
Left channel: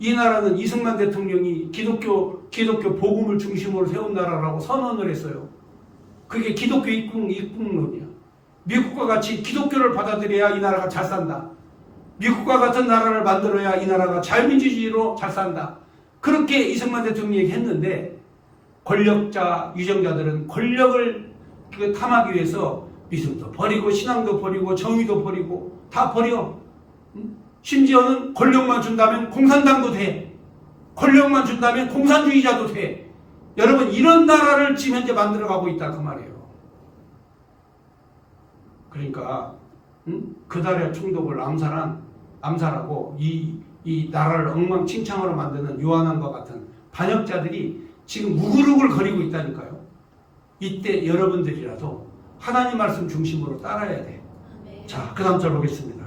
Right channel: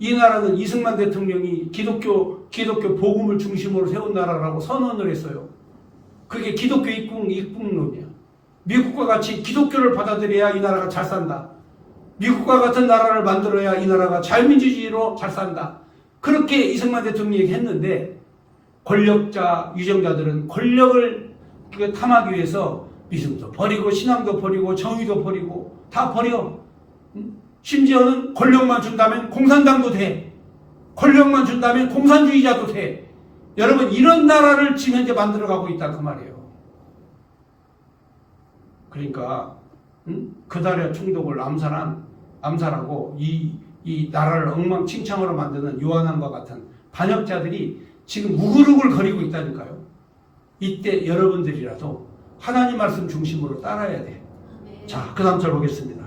이 나라는 이승만 대통령이 기독교 복음을 중심으로 세운 나라라고 선언을 했어요. 그게 기독교 입국론이야. 미국과 같이 기독교를 받아들여야 이 나라가 잘 산다. 미국과 같은 나라를 만들어야 이 나라가 자유민주주의로 잘 산다. 그렇게 이승만 대통령이 했는데 권력자, 유정자들은 권력을 탐하기 위해서 믿음도 버리고 신앙도 버리고 정의도 버리고 다 버려. 심지어는 권력만 준다면 공산당도 돼. 권력만 준다면 공산주의자도 돼. 여러분 이런 나라를 지금 현재 만들어가고 있다 그 말이에요. 그러니까 그달의 총독을 암살하고 이 나라를 엉망진창으로 만드는 요한왕과 같은 반역자들이 지금 우글우글 거리고 있다니까요. 이때 여러분들이라도 하나님 말씀 중심으로 따라야 돼. 자, 그 다음 절 보겠습니다.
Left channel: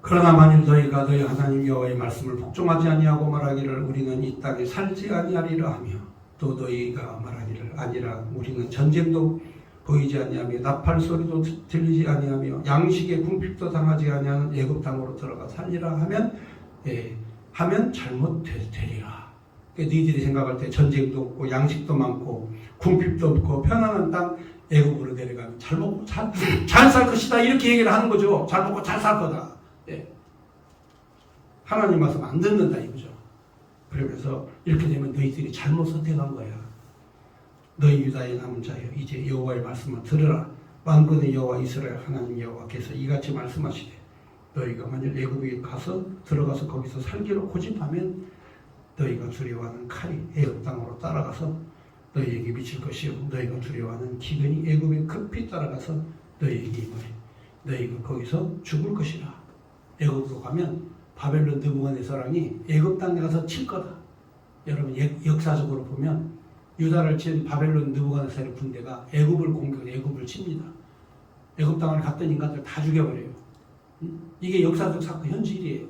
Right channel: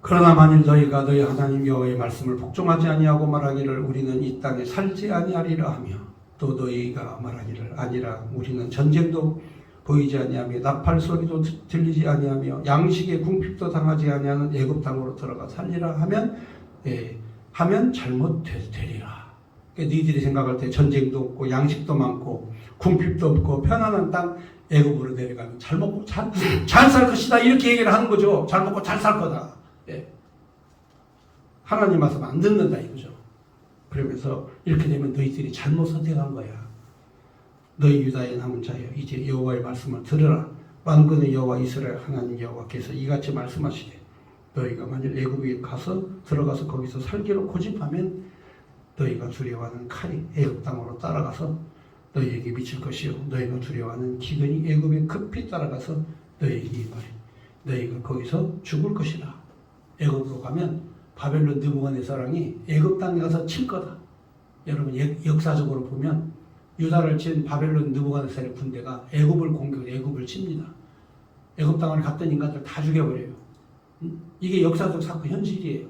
그러나 만일 너희가 너희 하나님 여호와의 말씀을 복종하지 아니하고 말하기를 우리는 이 땅에 살지 아니하리라 하며 또 너희가 말하기를 아니라 우리는 전쟁도 보이지 아니하며 나팔 소리도 들리지 아니하며 양식의 궁핍도 당하지 아니하는 애굽 땅으로 들어가 살리라 하면 잘못되리라. 그러니까 너희들이 생각할 때 전쟁도 없고 양식도 많고 궁핍도 없고 편안한 땅 애굽으로 내려가면 잘 먹고 잘 살 것이다 이렇게 얘기를 하는 거죠. 잘 먹고 잘 살 거다. 예. 하나님 말씀 안 듣는다 이거죠. 그러면서 이렇게 되면 너희들이 잘못 선택한 거야. 너희 유다의 남은 자여 이제 여호와의 말씀을 들으라. 만군의 여호와 이스라엘 하나님 여호와께서 이같이 말씀하시되 너희가 만일 애굽에 들어가서 거기서 살기로 고집하면 너희가 두려워하는 칼이 애굽 땅으로 따라가서 너희에게 미칠 것이요 너희가 두려워하는 기근이 애굽에 급히 따라가서 너희에게 너희가 거기서 죽을 것이라. 애굽으로 가면 바벨론 느부갓네살이 애굽 땅에 가서 칠 거다. 여러분 역사적으로 보면 유다를 친 바벨론 느부갓네살의 군대가 애굽을 공격해 애굽을 칩니다. 애굽 땅을 갔던 인간들 다 죽여버려요. 이게 역사적 사건 현실이에요.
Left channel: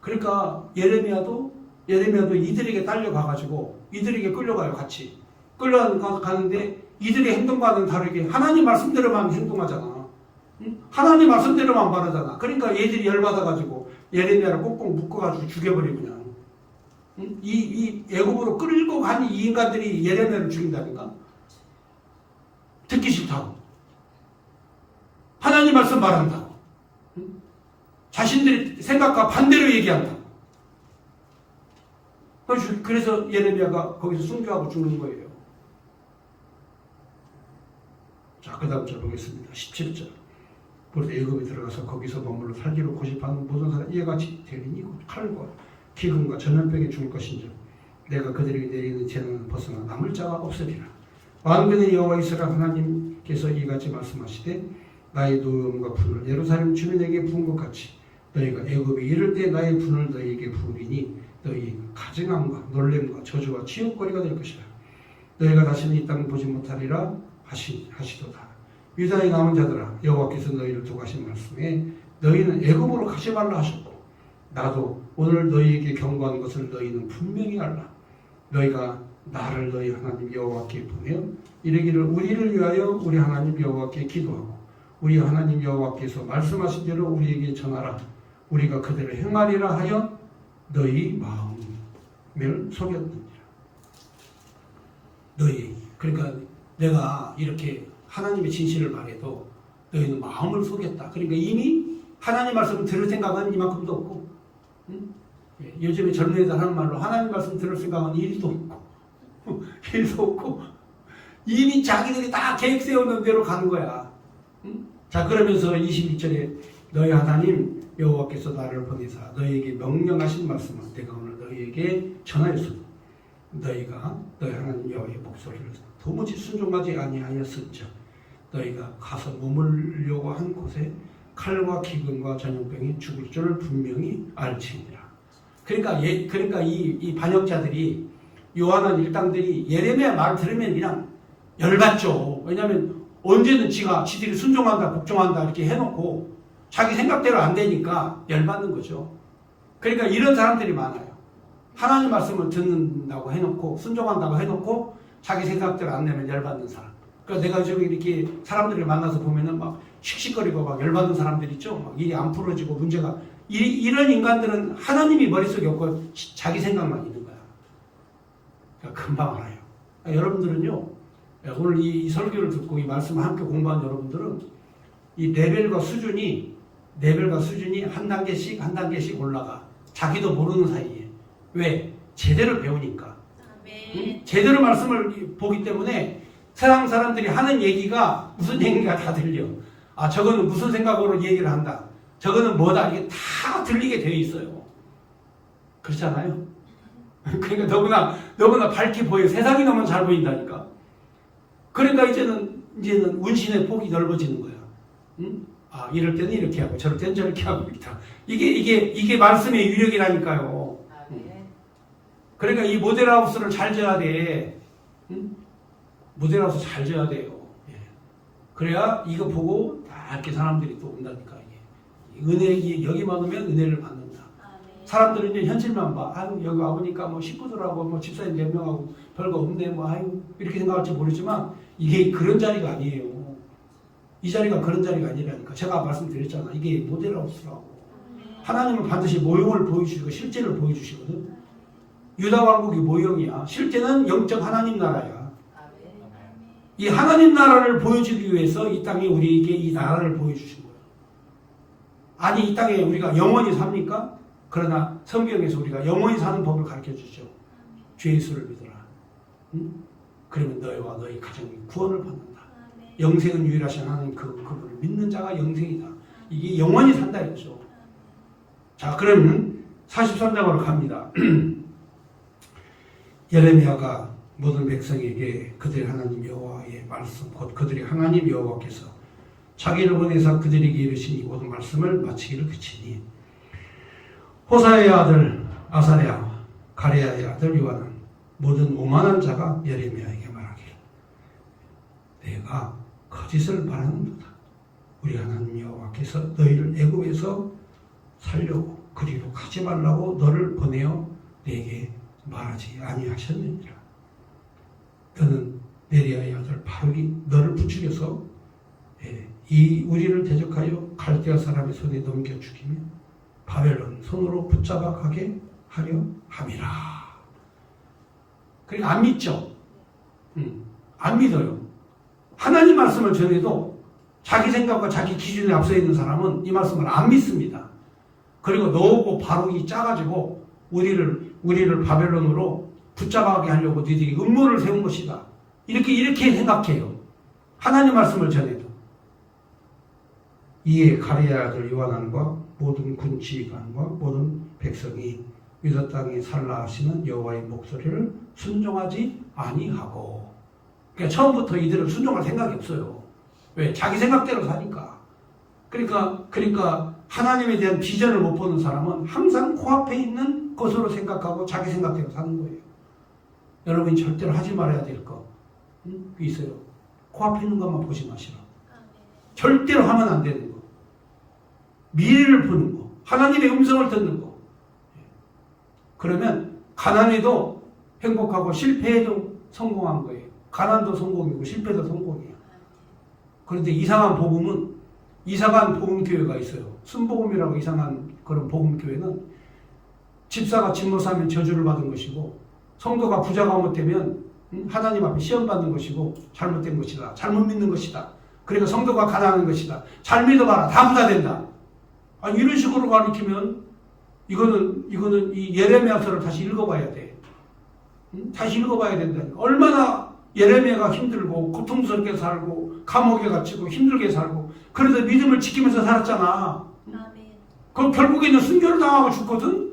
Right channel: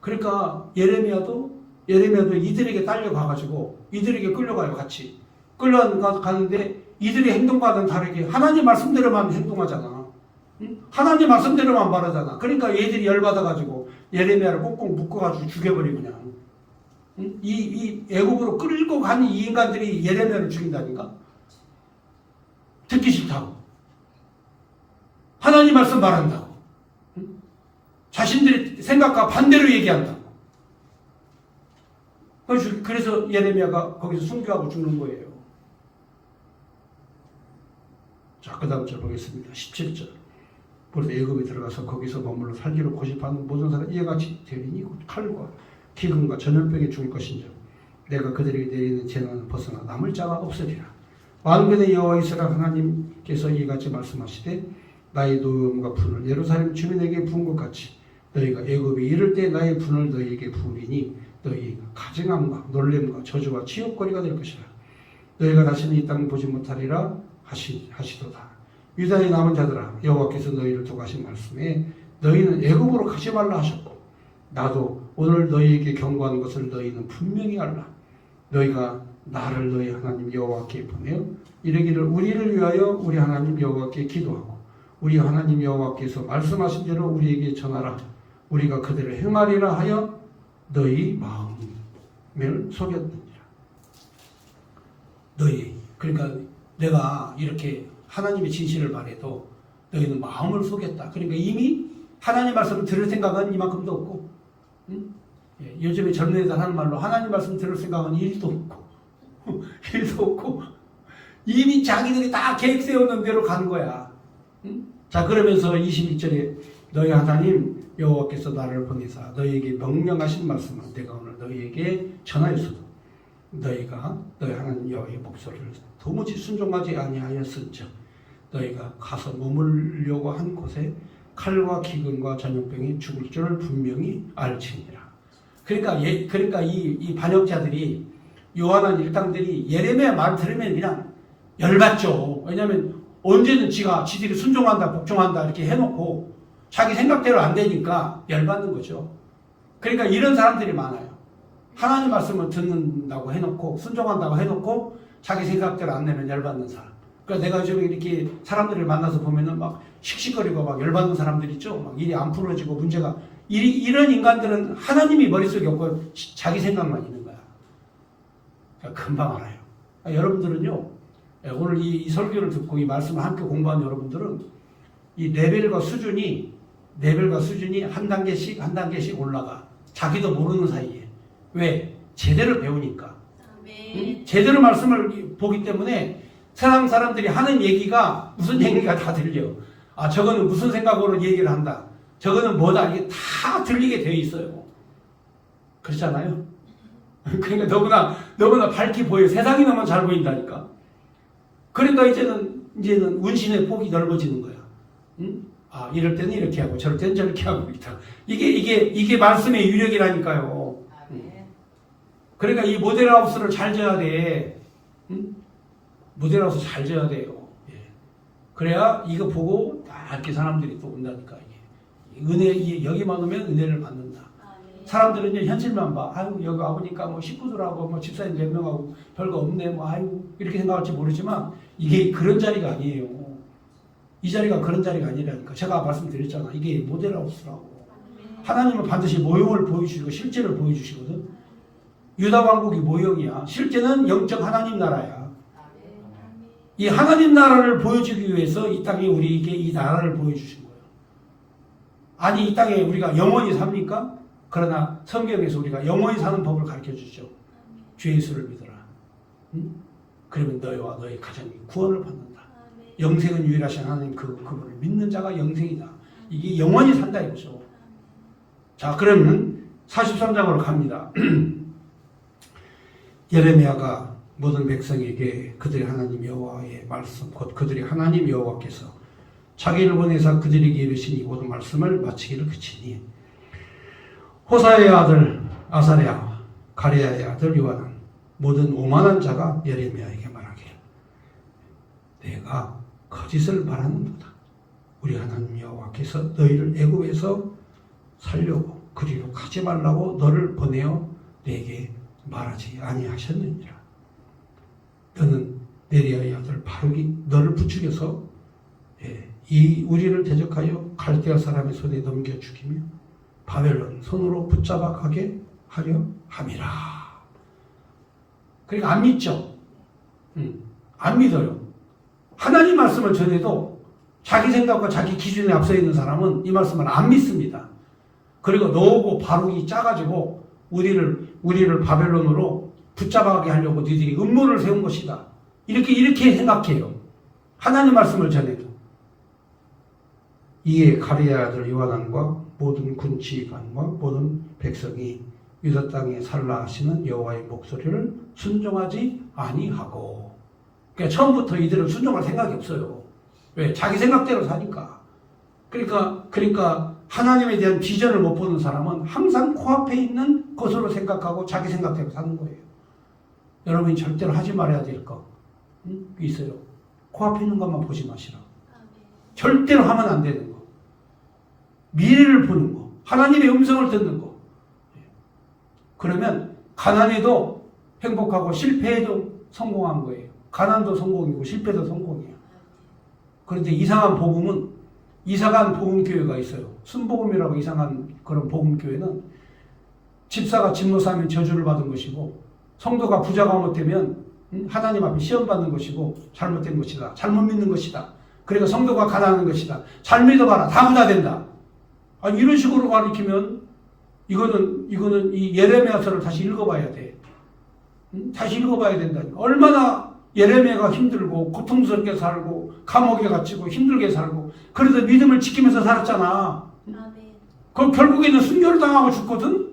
그러니까 예레미야도 이들에게 딸려가가지고 이들에게 끌려가요. 같이 끌려가는데 이들의 행동과는 다르게 하나님 말씀대로만 행동하잖아. 하나님 말씀대로만 말하잖아. 그러니까 얘들이 열받아가지고 예레미야를 꼭꼭 묶어가지고 죽여버리고 그냥 이 애굽으로 끌고 간 이 인간들이 예레미야를 죽인다니까. 듣기 싫다고 하나님 말씀 말한다고 자신들의 생각과 반대로 얘기한다고. 그래서 예레미야가 거기서 순교하고 죽는 거예요. 자, 그 다음 절 보겠습니다. 17절. 그래서 애굽에 들어가서 거기서 머물러 살기로 고집하는 모든 사람 이와 같이 되리니 칼과 기근과 전염병에 죽을 것인지 내가 그들에게 내리는 재난은 벗어나 남을 자가 없으리라. 만군의 여호와 이스라엘 하나님께서 이같이 말씀하시되 나의 노음과 분을 예루살렘 주민에게 부은 것 같이 너희가 애굽에 이를 때 나의 분을 너희에게 부으리니 너희 가증함과 놀램과 저주와 치욕거리가 될 것이라. 너희가 다시는 이 땅을 보지 못하리라 하시도다. 유다의 남은 자들아 여호와께서 너희를 두고 하신 말씀에 너희는 애굽으로 가지 말라 하셨고 나도 오늘 너희에게 경고하는 것을 너희는 분명히 알라. 너희가 나를 너희 하나님 여호와께 보내어 이르기를 우리를 위하여 우리 하나님 여호와께 기도하고 우리 하나님 여호와께서 말씀하신 대로 우리에게 전하라. 우리가 그대로 행하리라 하여 너희 마음을 속였느니라. 너희 그러니까 내가 이렇게 하나님의 진실을 말해도 너희는 마음을 속였다. 그러니까 이미 하나님 말씀을 들을 생각은 이만큼도 없고, 응? 예, 요즘에 젊은 애들 하는 말로 하나님 말씀 들을 생각은 1도 없고 1도 없고 이미 자기들이 다 계획 세우는 대로 가는 거야. 응? 자, 그러면서 22절에 너희 하나님 여호와께서 나를 보내사 너희에게 명령하신 말씀을 내가 오늘 너희에게 전하였으므로 너희가 너희 하나님 여호와의 목소리를 도무지 순종하지 아니하였은즉 너희가 가서 머물려고 한 곳에 칼과 기근과 전염병이 죽을 줄을 분명히 알지니라. 그러니까 이 반역자들이 요한한 일당들이 예레미야 말 들으면 그냥 열받죠. 왜냐하면 언제는 지들이 순종한다, 복종한다 이렇게 해놓고 자기 생각대로 안 되니까 열받는 거죠. 그러니까 이런 사람들이 많아요. 하나님 말씀을 듣는다고 해놓고 순종한다고 해놓고 자기 생각대로 안 되면 열받는 사람. 그러니까 내가 요즘에 이렇게 사람들을 만나서 보면은 막 씩씩거리고 막 열받는 사람들 있죠. 막 일이 안 풀어지고 문제가 이런 인간들은 하나님이 머릿속에 없고 자기 생각만 있는 거야. 그러니까 금방 알아요. 여러분들은요, 오늘 이 설교를 듣고 이 말씀을 함께 공부한 여러분들은 이 레벨과 수준이 한 단계씩 올라가. 자기도 모르는 사이에. 왜? 제대로 배우니까. 응? 제대로 말씀을 보기 때문에 세상 사람들이 하는 얘기가 무슨 얘기가 다 들려. 아, 저거는 무슨 생각으로 얘기를 한다. 저거는 뭐다. 이게 다 들리게 되어 있어요. 그렇잖아요? 그러니까 너무나 밝게 보여. 세상이 너무 잘 보인다니까. 그러니까 이제는 운신의 폭이 넓어지는 거야. 응? 아, 이럴 때는 이렇게 하고 저럴 때는 저렇게 하고 있다. 이게 말씀의 유력이라니까요. 응? 그러니까 이 모델하우스를 잘 져야 돼. 응? 모델하우스 잘 져야 돼요. 예. 그래야 이거 보고 다 이렇게 사람들이 또 온다니까. 여기만 오면 은혜를 받는다. 사람들은 이제 현실만 봐. 아유, 여기 와보니까 뭐 식구들하고 뭐 집사님 몇 명하고 별거 없네. 뭐 아유, 이렇게 생각할지 모르지만 이게 그런 자리가 아니에요. 이 자리가 그런 자리가 아니라니까. 제가 말씀드렸잖아. 이게 모델하우스라고. 하나님은 반드시 모형을 보여주시고 실제를 보여주시거든. 유다 왕국이 모형이야. 실제는 영적 하나님 나라야. 이 하나님 나라를 보여주기 위해서 이 땅에 우리에게 이 나라를 보여주신 거예요. 아니, 이 땅에 우리가 영원히 삽니까? 그러나 성경에서 우리가 영원히 사는 법을 가르쳐주죠. 주 예수를 믿어라. 응? 그러면 너희와 너희 가정이 구원을 받는다. 영생은 유일하신 하나님 그분을 믿는 자가 영생이다. 이게 영원히 산다 이거죠. 자, 그러면 43장으로 갑니다. 예레미야가 모든 백성에게 그들의 하나님 여호와의 말씀, 곧 그들의 하나님 여호와께서 자기를 보내사 그들에게 이르신 이 모든 말씀을 마치기를 그치니 호사의 아들 아사랴와 가랴의 아들 요한은 모든 오만한 자가 예레미야에게 말하기를 내가 거짓을 말하는도다. 우리 하나님 여호와께서 너희를 애굽에서 살려고 그리로 가지 말라고 너를 보내어 내게 말하지 아니하셨느니라. 너는 네리아의 아들 바룩이 너를 부추겨서 이 우리를 대적하여 갈대아 사람의 손에 넘겨 죽이며 바벨론 손으로 붙잡아 가게 하려 함이라. 그러니까 안 믿죠. 안 믿어요. 하나님 말씀을 전해도 자기 생각과 자기 기준에 앞서 있는 사람은 이 말씀을 안 믿습니다. 그리고 너하고 바룩이 짜가지고 우리를 바벨론으로 붙잡아가게 하려고 너희들이 음모를 세운 것이다. 이렇게 생각해요. 하나님 말씀을 전해도. 이에 가랴의 아들 요하난과 모든 군치관과 모든 백성이 유다 땅에 살라 하시는 여호와의 목소리를 순종하지 아니하고. 그러니까 처음부터 이들은 순종할 생각이 없어요. 왜? 자기 생각대로 사니까. 그러니까 하나님에 대한 비전을 못 보는 사람은 항상 코앞에 있는 것으로 생각하고 자기 생각대로 사는 거예요. 여러분이 절대로 하지 말아야 될 거 있어요. 코앞에 있는 것만 보지 마시라. 절대로 하면 안 되는 거. 미래를 보는 거. 하나님의 음성을 듣는 거. 그러면 가난해도 행복하고 실패해도 성공한 거예요. 가난도 성공이고 실패도 성공이에요. 그런데 이상한 복음교회가 있어요. 순복음이라고 이상한 그런 복음교회는 집사가 집못하면 저주를 받은 것이고 성도가 부자가 못되면 하나님 앞에 시험 받는 것이고 잘못된 것이다. 잘못 믿는 것이다. 그리고 성도가 가난한 것이다. 잘 믿어봐라. 다 부자 된다. 이런 식으로 가르치면 이거는 이 예레미야서를 다시 읽어봐야 돼. 다시 읽어봐야 된다니까. 얼마나 예레미야가 힘들고 고통스럽게 살고 감옥에 갇히고 힘들게 살고 그래도 믿음을 지키면서 살았잖아. 그럼 결국에는 순교를 당하고 죽거든.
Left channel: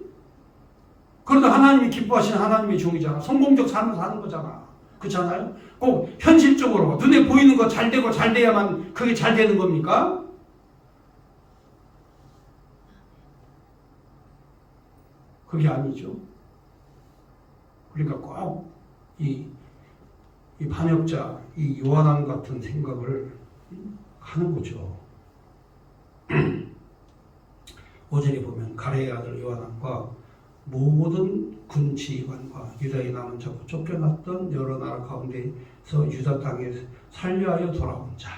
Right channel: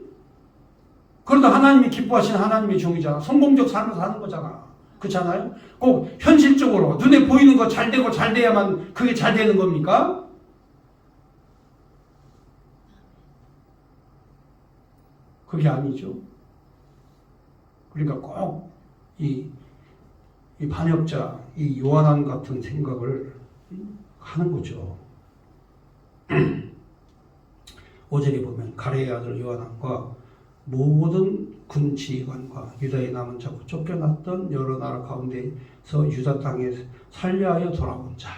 그래도 하나님이 기뻐하시는 하나님의 종이잖아. 성공적 삶을 사는 거잖아. 그렇잖아요? 꼭 현실적으로 눈에 보이는 거 잘 되고 잘 돼야만 그게 잘 되는 겁니까? 그게 아니죠. 그러니까 꼭 이 반역자, 이 요한왕 같은 생각을 하는 거죠. 5절에 보면 가레의 아들 요한왕과 모든 군 지휘관과 유다에 남은 자 쫓겨났던 여러 나라 가운데서 유다 땅에 살려하여 돌아온 자,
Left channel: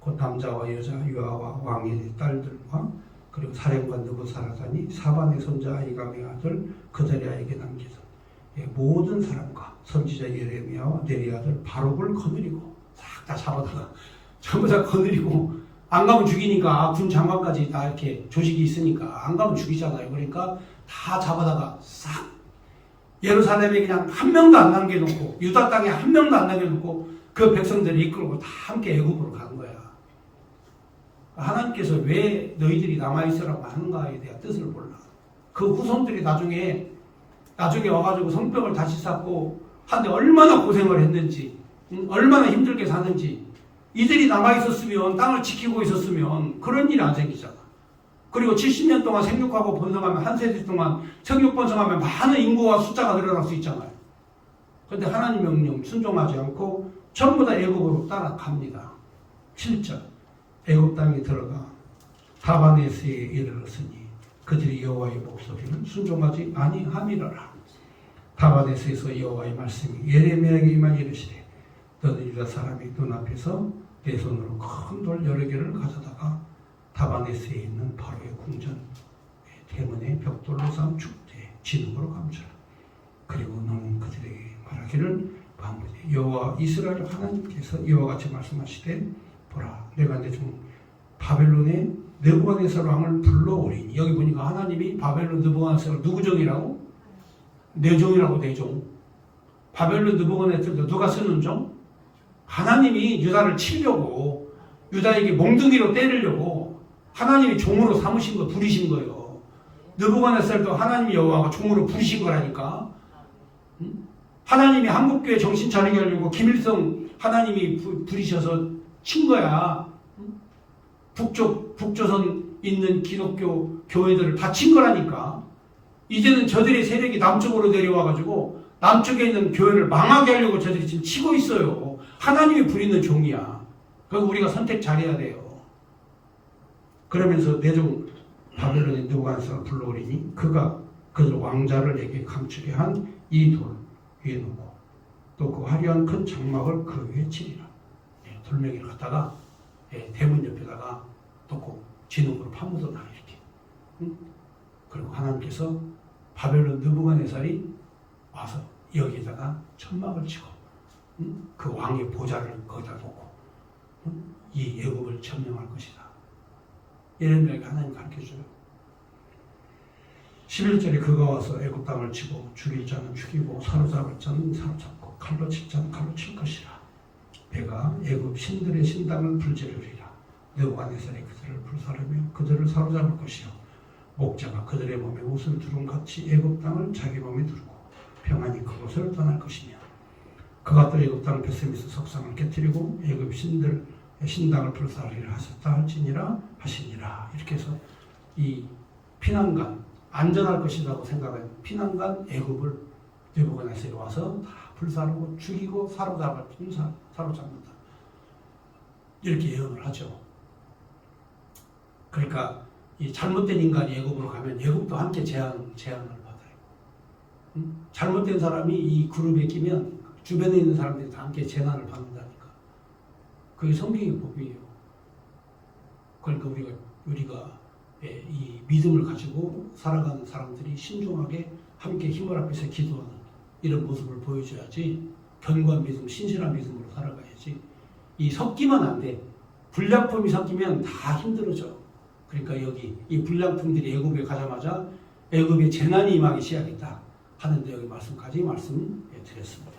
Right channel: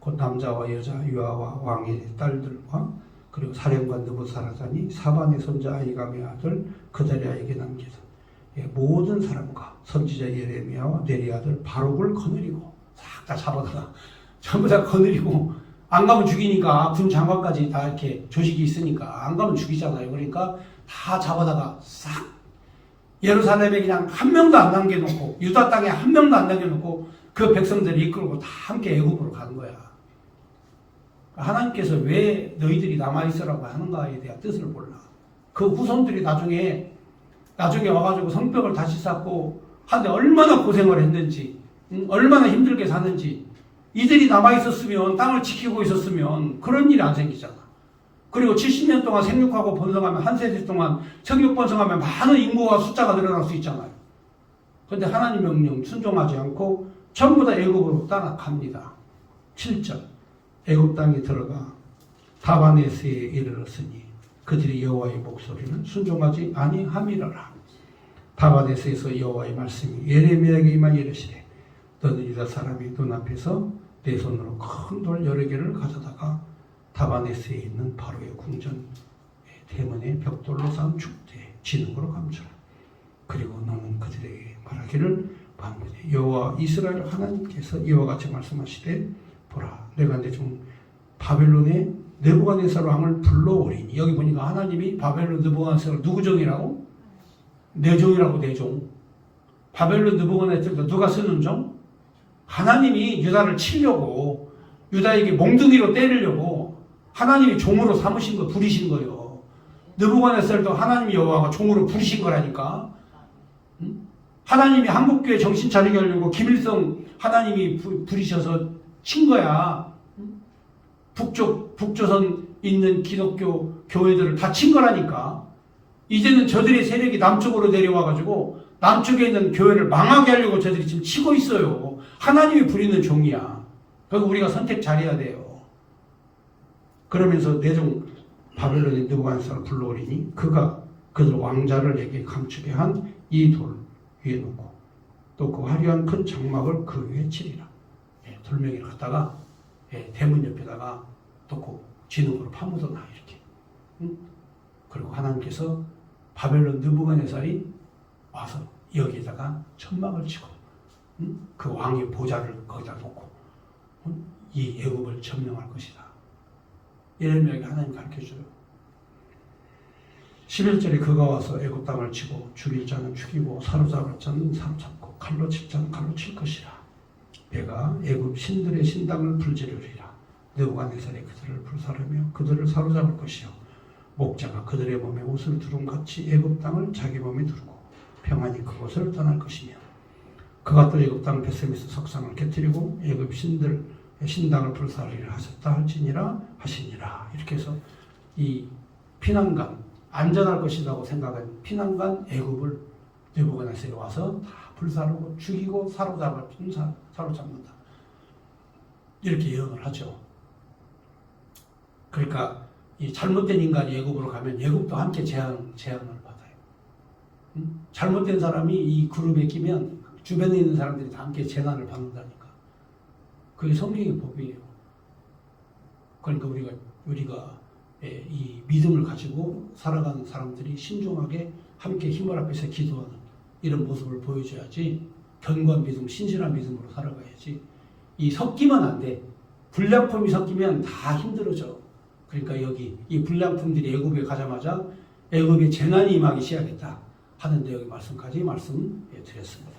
곧 남자와 여자, 유아와 왕의 딸들과 그리고 사령관 느부사라단이 사반의 손자 아히감의 아들 그다리아에게 남기던 모든 사람과 선지자 예레미야와 네리 아들 바룩을 거느리고 싹 다 잡아다가 전부 다 거느리고 안 가면 죽이니까 군 장관까지 다 이렇게 조직이 있으니까 안 가면 죽이잖아요. 그러니까 다 잡아다가 싹 예루살렘에 그냥 한 명도 안 남겨놓고 유다 땅에 한 명도 안 남겨놓고 그 백성들을 이끌고 다 함께 애굽으로 가는 거야. 하나님께서 왜 너희들이 남아있으라고 하는가에 대한 뜻을 몰라. 그 후손들이 나중에 와가지고 성벽을 다시 쌓고 하는데 얼마나 고생을 했는지, 얼마나 힘들게 사는지, 이들이 남아있었으면, 땅을 지키고 있었으면 그런 일이 안 생기잖아. 그리고 70년 동안 생육하고 번성하면, 한 세대 동안 생육 번성하면 많은 인구와 숫자가 늘어날 수 있잖아요. 그런데 하나님의 명령 순종하지 않고 전부 다 애굽으로 따라갑니다. 7절 애굽 땅에 들어가 다바네스에 이르렀으니 그들이 여호와의 목소리를 순종하지 아니함이라라. 다바네스에서 여호와의 말씀이 예레미야에게 임하 이르시되 너는 유다 사람의 눈앞에서 내 손으로 큰 돌 여러 개를 가져다가 다바네스에 있는 바로의 궁전 대문의 벽돌로 쌓은 축대에 진흙으로 감추라. 그리고 너는 그들에게 말하기를 방문에 여호와 이스라엘 하나님께서 이와 같이 말씀하시되 보라 내가 내 종 바벨론의 느부갓네살 왕을 불러오리니. 여기 보니까 하나님이 바벨론 느부갓네살 누구 종이라고? 내 종이라고. 내 종. 바벨론 느부갓네살도 누가 쓰는 종? 하나님이 유다를 치려고 유다에게 몽둥이로 때리려고 하나님이 종으로 삼으신 거 부리신 거예요. 느부갓네살도 하나님 여호와가 종으로 부리신 거라니까. 하나님이 한국교회 정신 차리게 하려고 김일성 하나님이 부리셔서 친 거야. 북조선 있는 기독교 교회들을 다 친 거라니까. 이제는 저들의 세력이 남쪽으로 내려와가지고 남쪽에 있는 교회를 망하게 하려고 저들이 지금 치고 있어요. 하나님이 부리는 종이야. 그리고 우리가 선택 잘해야 돼요. 그러면서 내종 바벨론의 느부갓네살을 불러오리니 그가 그들 왕자를 내게 감추게 한 이 돌 위에 놓고 또 그 화려한 큰 장막을 그 위에 치리라. 돌멩이를 갖다가 대문 옆에다가 놓고 진흙으로 파묻어놔 이렇게. 그리고 하나님께서 바벨론 느부갓네살이 와서 여기에다가 천막을 치고 그 왕의 보좌를 거기다 놓고 이 애국을 점령할 것이다. 이런 이야기 하나님 가르쳐줘요. 11절에 그가 와서 애국 땅을 치고 죽일 자는 죽이고 사로잡을 자는 사로잡고 칼로 칠 자는 칼로 칠 것이라. 내가 애굽 신들의 신당을 불지르리라. 느부갓네살이 그들을 불사르며 그들을 사로잡을 것이요 목자가 그들의 몸에 옷을 두른 같이 애굽 땅을 자기 몸에 두르고 평안히 그곳을 떠날 것이며 그가 또 애굽 땅 베세메스 석상을 깨뜨리고 애굽 신들의 신당을 불사르리라 하셨다 할지니라 하시니라. 이렇게 해서 이 피난간 안전할 것이라고 생각한 피난간 애굽을 느부갓네살이 와서 다 불사르고 죽이고 사로잡는다. 이렇게 예언을 하죠. 그러니까 이 잘못된 인간이 애굽으로 가면 애굽도 함께 재앙을 받아요. 잘못된 사람이 이 그룹에 끼면 주변에 있는 사람들이 다 함께 재난을 받는다니까. 그게 성경의 법이에요. 그러니까 우리가 이 믿음을 가지고 살아가는 사람들이 신중하게 함께 힘을 합해서 기도하는 이런 모습을 보여줘야지 견고한 믿음, 신실한 믿음으로 살아가야지. 이 섞이면 안 돼. 불량품이 섞이면 다 힘들어져. 그러니까 여기 이 불량품들이 애굽에 가자마자 애굽에 재난이 임하기 시작했다 하는데 여기 말씀까지 말씀드렸습니다.